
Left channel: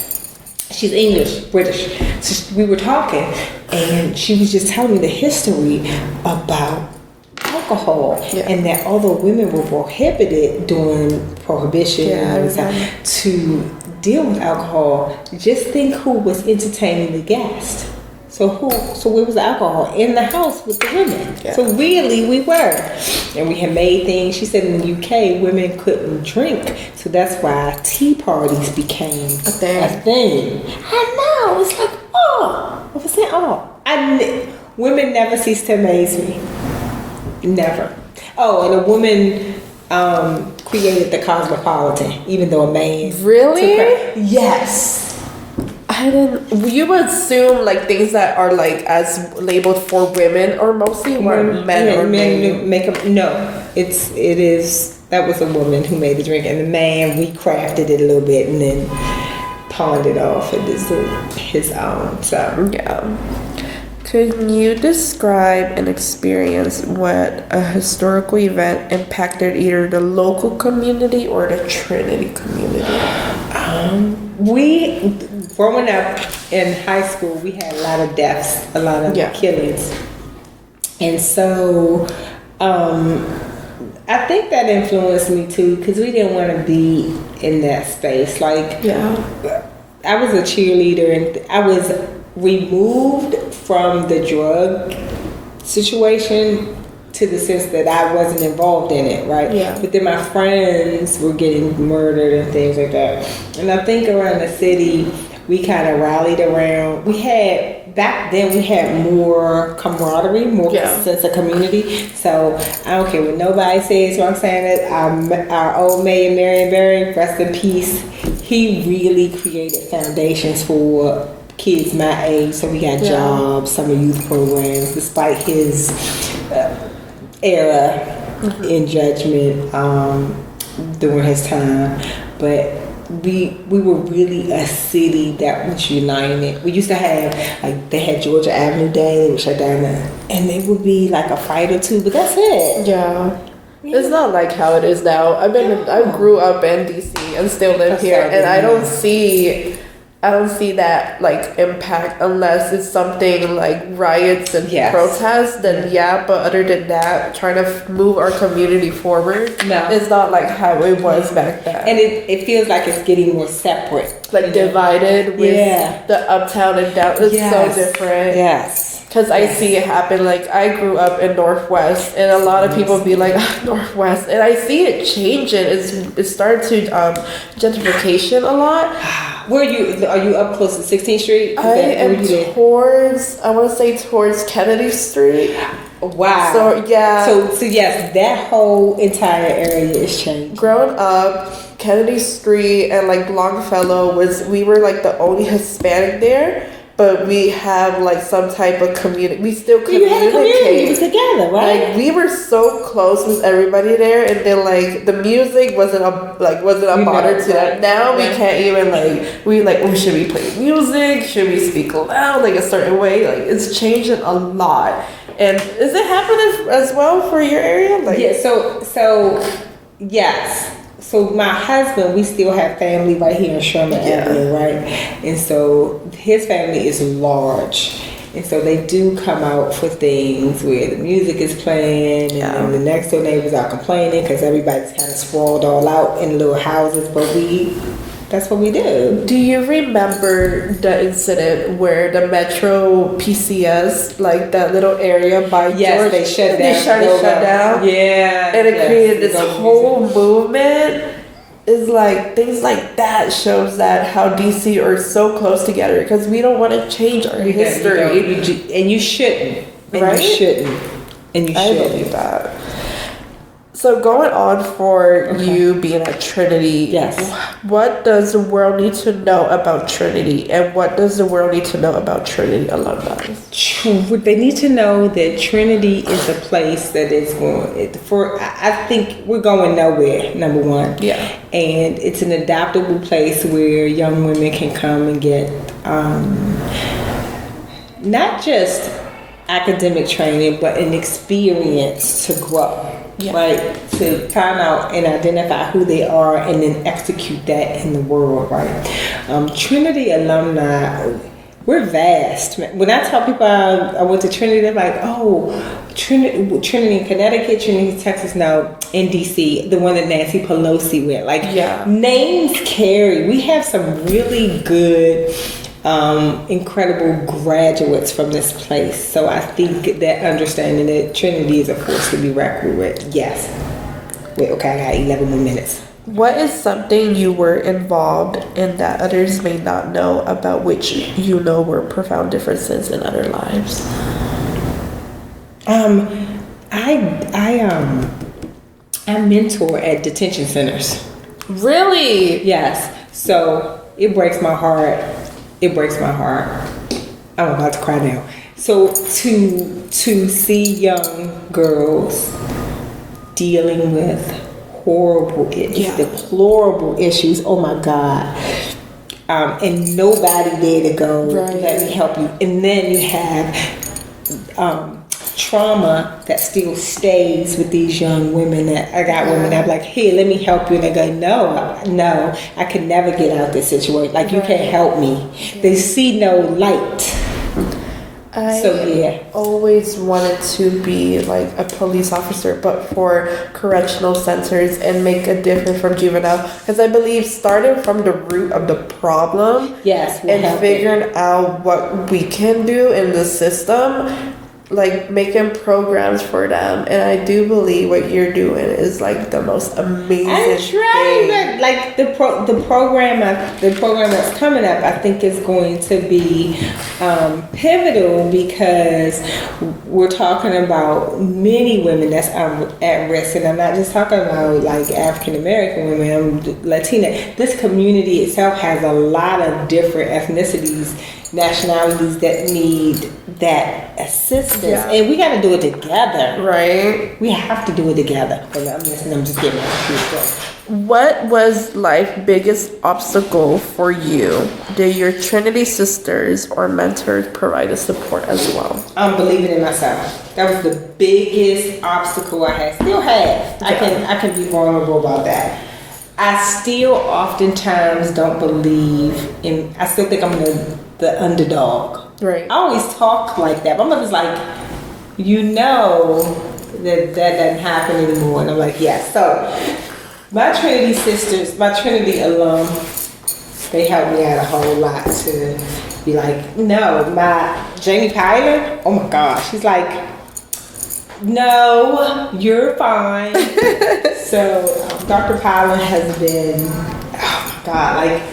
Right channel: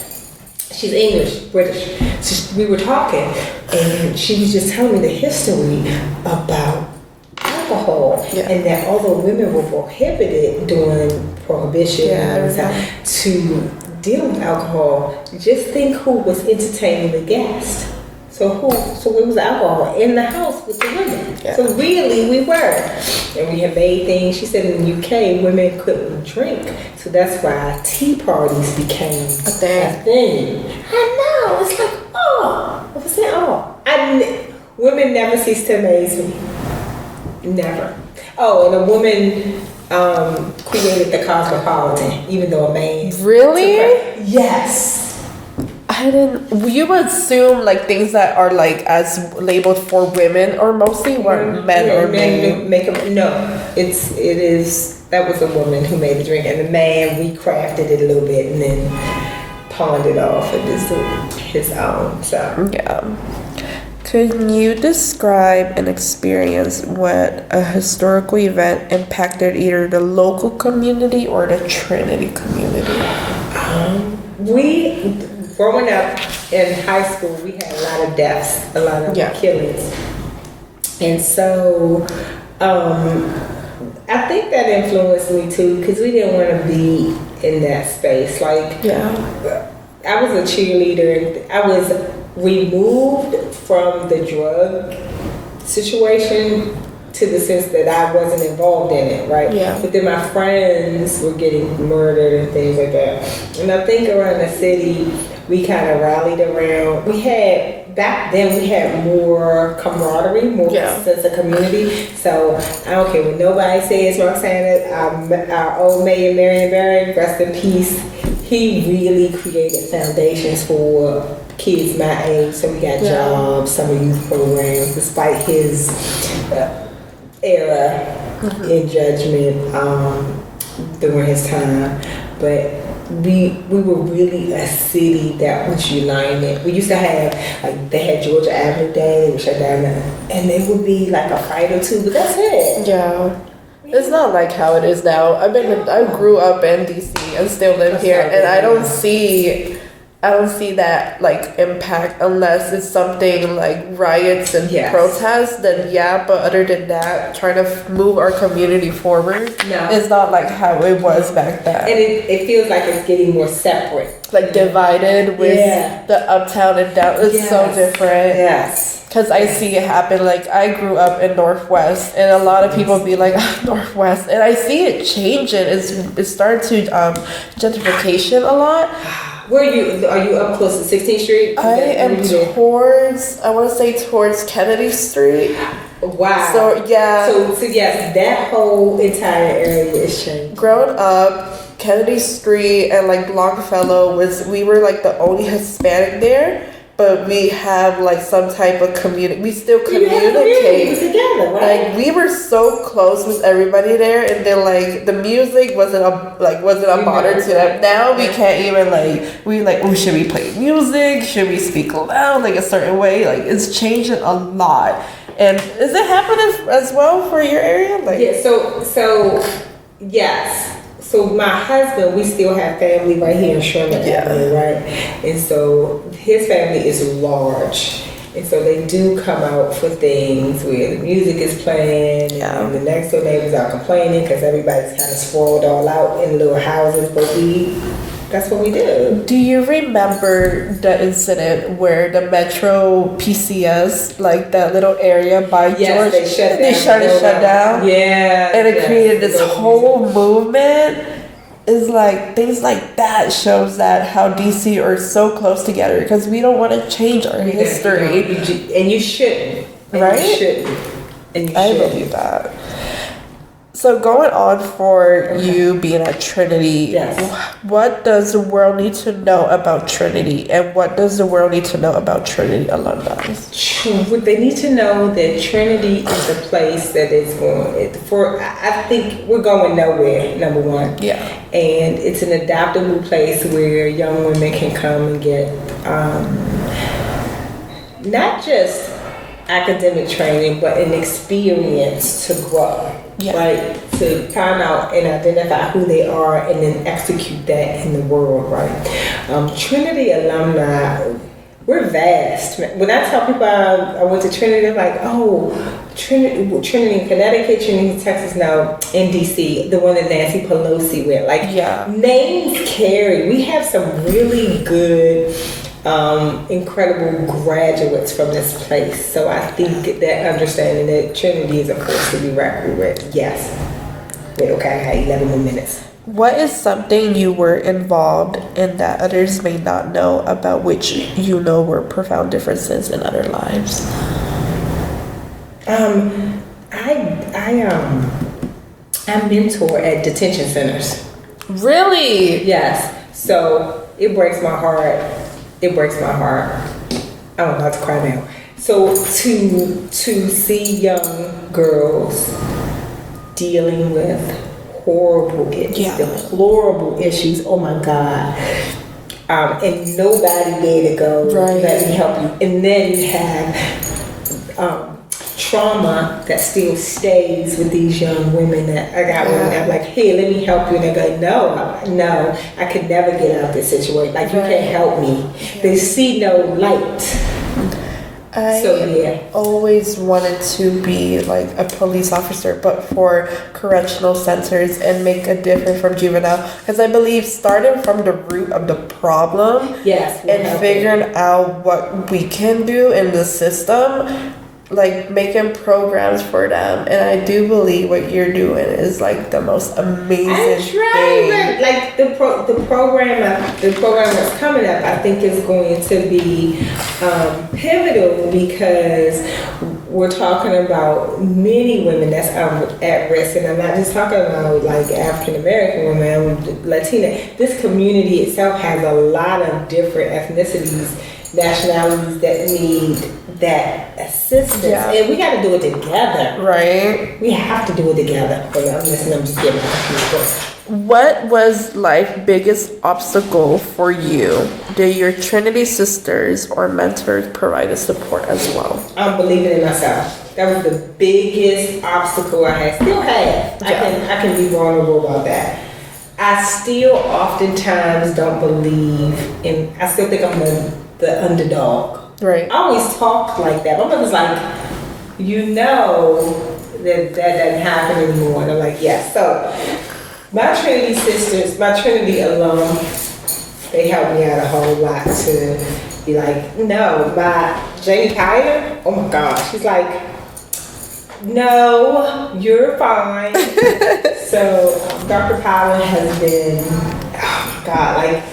She's English, British. So we were talking, and she was just telling me the history about alcohol, and that although women were prohibited during Prohibition to deal with alcohol, just think who was entertaining the guests. So it was alcohol in the house with the women. Yeah. So really we were. And we had made things. She said in the UK women couldn't drink. So that's why tea parties became a thing. I know. It's like, women never cease to amaze me. Never. Oh, and a woman created the Cosmopolitan, even though a man. Really? Yes. I I didn't. You would assume like things that are like as labeled for women, or mostly were men or men. No, it is. That was a woman who made the drink, and the man we crafted it a little bit and then pawned it off at his own. So yeah. Could you describe an experience when a historical event impacted either the local community or the Trinity community? We, growing up in high school, we had a lot of deaths, a lot of killings. And so I think that influenced me too, because we didn't want to be in that space. Like, I was a cheerleader, and I was removed from the drug situation to the sense that I wasn't involved in it, right? Yeah. But then my friends were getting murdered and things like that. And I think around the city, we kind of rallied around. Back then we had more camaraderie, more sense of community. So I don't care what nobody says, Roxana, our old mayor, Marion Barry, rest in peace, he really created foundations for kids my age. So we got jobs, summer youth programs, despite his era in judgment during his time. But we were really a city that was united. We used to have, like, they had Georgia Avenue Day, they would shut down, and there would be like a fight or two, but that's it. Yeah. It's not like how it is now. I grew up in DC and still live here, and I don't see that like impact unless it's something like riots and protests. Then but other than that, trying to move our community forward, it's not like how it was back then. And it feels like it's getting more separate, like divided with the uptown and down. It's so different. Yes. Because I see it happen. Like, I grew up in Northwest, and a lot of people be like, Northwest. And I see it changing. It's starting to gentrification a lot. Where are you up close to 16th Street? I am towards, I want to say towards Kennedy Street. Wow. So, yeah. So yes, that whole entire area is changing. Growing up, Kennedy Street and like Longfellow we were like the only Hispanic there. But we have like some type of community. We still communicate together, right? Like we were so close with everybody there, and then like the music wasn't a bother to them. Now we can't even should we play music? Should we speak loud like a certain way? Like it's changing a lot. And is it happening as well for your area? Like so yes. So my husband, we still have family right here in Sherman Avenue, right? And so his family is large. And so they do come out for things where the music is playing and the next door neighbors are complaining because everybody's kind of sprawled all out in little houses. But that's what we do. Do you remember the incident where the Metro PCS, like that little area by George, they shut down? Yeah. And it created this whole movement. Is like things like that shows that how DC are so close together because we don't want to change our history. And you shouldn't. Right? You shouldn't. And you I believe that. So going on for you being at Trinity, what does the world need to know about Trinity, and what does the world need to know about Trinity alumni? They need to know that Trinity is a place that is I think we're going nowhere, number one. Yeah. And it's an adaptable place where young women can come and get not just academic training, but an experience to grow. Right? To find out and identify who they are and then execute that in the world, right? Trinity alumni, we're vast. When I tell people I went to Trinity, they're like, oh, Trinity in Connecticut, Trinity, Texas, now in DC, the one that Nancy Pelosi went. Like, names carry. We have some really good incredible graduates from this place. So I think that understanding that Trinity is a place to be reckoned with. Yes. Okay, I got 11 more minutes. What is something you were involved in that others may not know about which you know were profound differences in other lives? I mentor at detention centers. Really? Yes. So it breaks my heart it breaks my heart. I'm about to cry now. So to see young girls dealing with horrible, deplorable issues. Oh my God. And nobody there to go, let me help you. And then you have trauma that still stays with these young women that I got women that are like, hey, let me help you. And they go, no, I can never get out of this situation. Like, you can't help me. Yeah. They see no light. I always wanted to be like a police officer, but for correctional centers and make a difference from juvenile. Because I believe starting from the root of the problem and figuring out what we can do in the system, like making programs for them. And I do believe what you're doing is like the most amazing thing. Like the program that's coming up, I think is going to be pivotal, because we're talking about many women that's at risk, and I'm not just talking about like African American women, Latina. This community itself has a lot of different ethnicities, nationalities that need that assistance, and we got to do it together. Right. We have to do it together. I'm just giving What was life's biggest obstacle for you? Did your Trinity sisters or mentors provide the support as well? Believing in myself. That was the biggest obstacle I had. Still have. I can be vulnerable about that. I still oftentimes don't believe in. I still think I'm the underdog. Right. I always talk like that. My mother's like, that doesn't happen anymore. And I'm like, yeah. So my Trinity sisters, my Trinity alum, they helped me out a whole lot to be like, no. My Jamie Kyler, oh my gosh, she's like, no, you're fine. So Dr. Powell has been, oh my God, like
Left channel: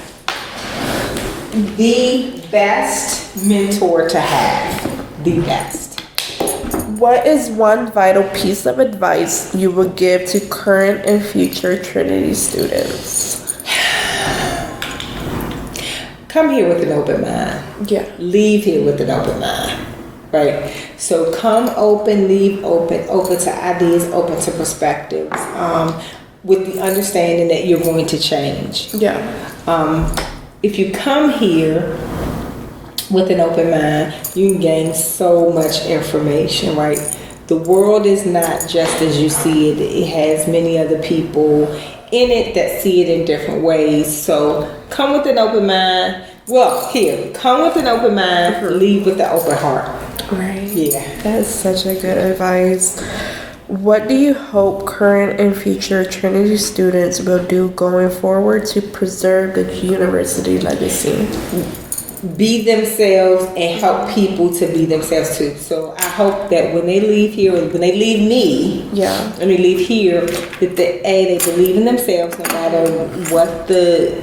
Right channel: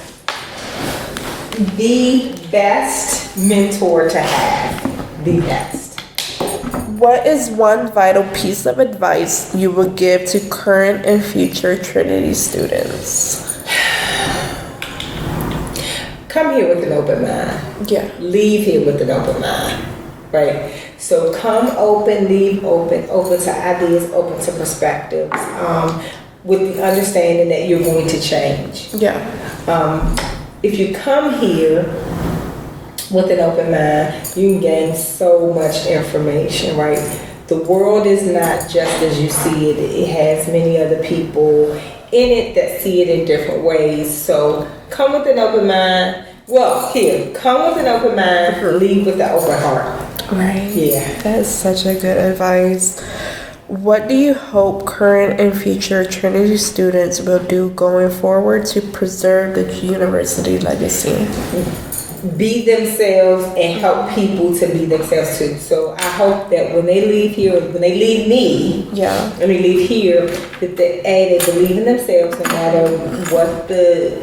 the best mentor to have. The best. What is one vital piece of advice you would give to current and future Trinity students? Come here with an open mind. Yeah. Leave here with an open mind. Right? So come open, leave open to ideas, open to perspectives, with the understanding that you're going to change. Yeah. If you come here with an open mind, you can gain so much information, right? The world is not just as you see it. It has many other people in it that see it in different ways. So come with an open mind. Come with an open mind, leave with an open heart. Right. Yeah. That is such a good advice. What do you hope current and future Trinity students will do going forward to preserve the university legacy? Be themselves and help people to be themselves too. So I hope that when they leave here, when they leave me, when they leave here, that they believe in themselves no matter what the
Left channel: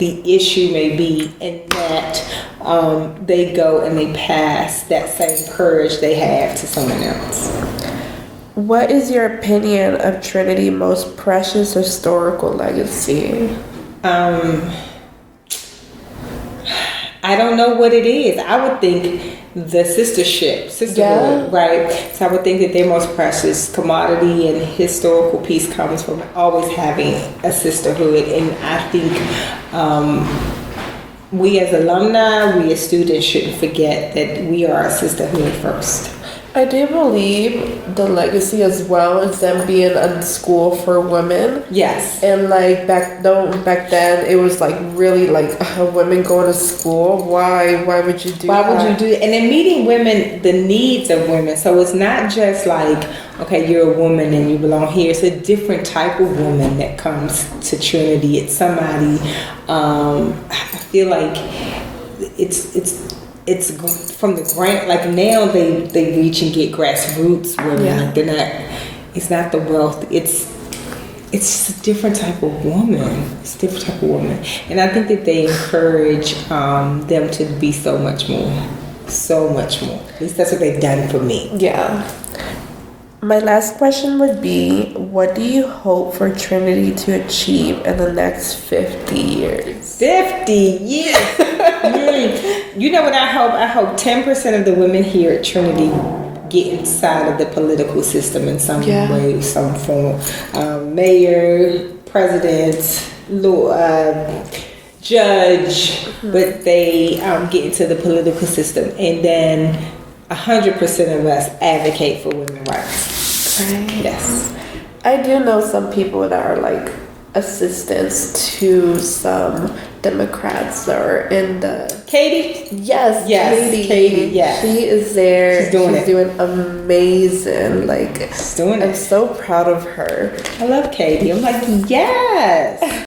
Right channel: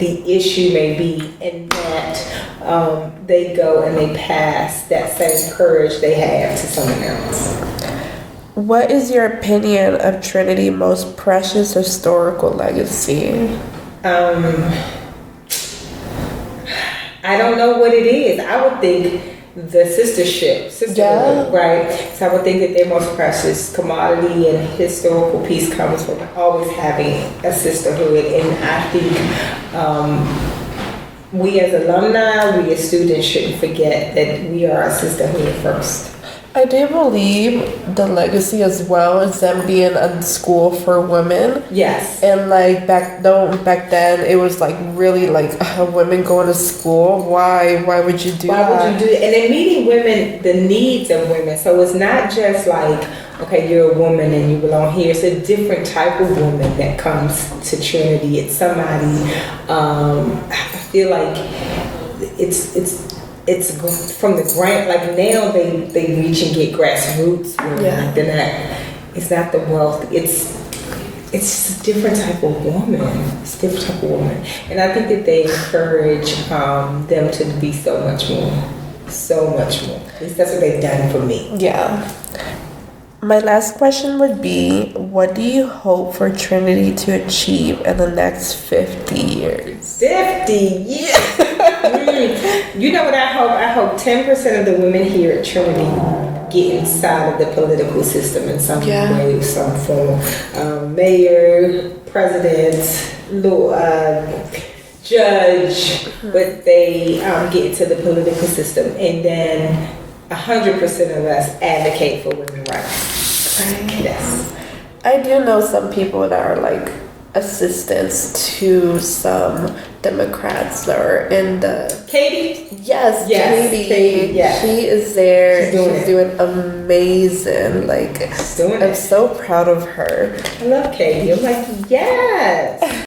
issue may be, and that they go and they pass that same courage they have to someone else. What is your opinion of Trinity's most precious historical legacy? I don't know what it is. I would think the sisterhood, right? So I would think that their most precious commodity and historical piece comes from always having a sisterhood. And I think we as alumni, we as students shouldn't forget that we are a sisterhood first. I do believe the legacy as well is them being a school for women. Yes. And like back then it was like really like women going to school. Why would you do that? Why would you do it? And then meeting women, the needs of women. So it's not just like, okay, you're a woman and you belong here. It's a different type of woman that comes to Trinity. It's somebody, I feel like it's from the ground. Like now they reach and get grassroots women. Yeah. It's not the wealth. It's a different type of woman. It's a different type of woman. And I think that they encourage them to be so much more. So much more. At least that's what they've done for me. Yeah. My last question would be, what do you hope for Trinity to achieve in the next 50 years? 50 years? You know what I hope? I hope 10% of the women here at Trinity get inside of the political system in some way, some form. Mayor, president, law, judge, but they get into the political system, and then 100% of us advocate for women's rights. Right. Yes. I do know some people that are like assistants to some Democrats that are in the. Katie? Yes, Katie. Yeah. She is there. She's doing amazing. Like, She's doing I'm it. so proud of her. I love Katie. I'm like, yes.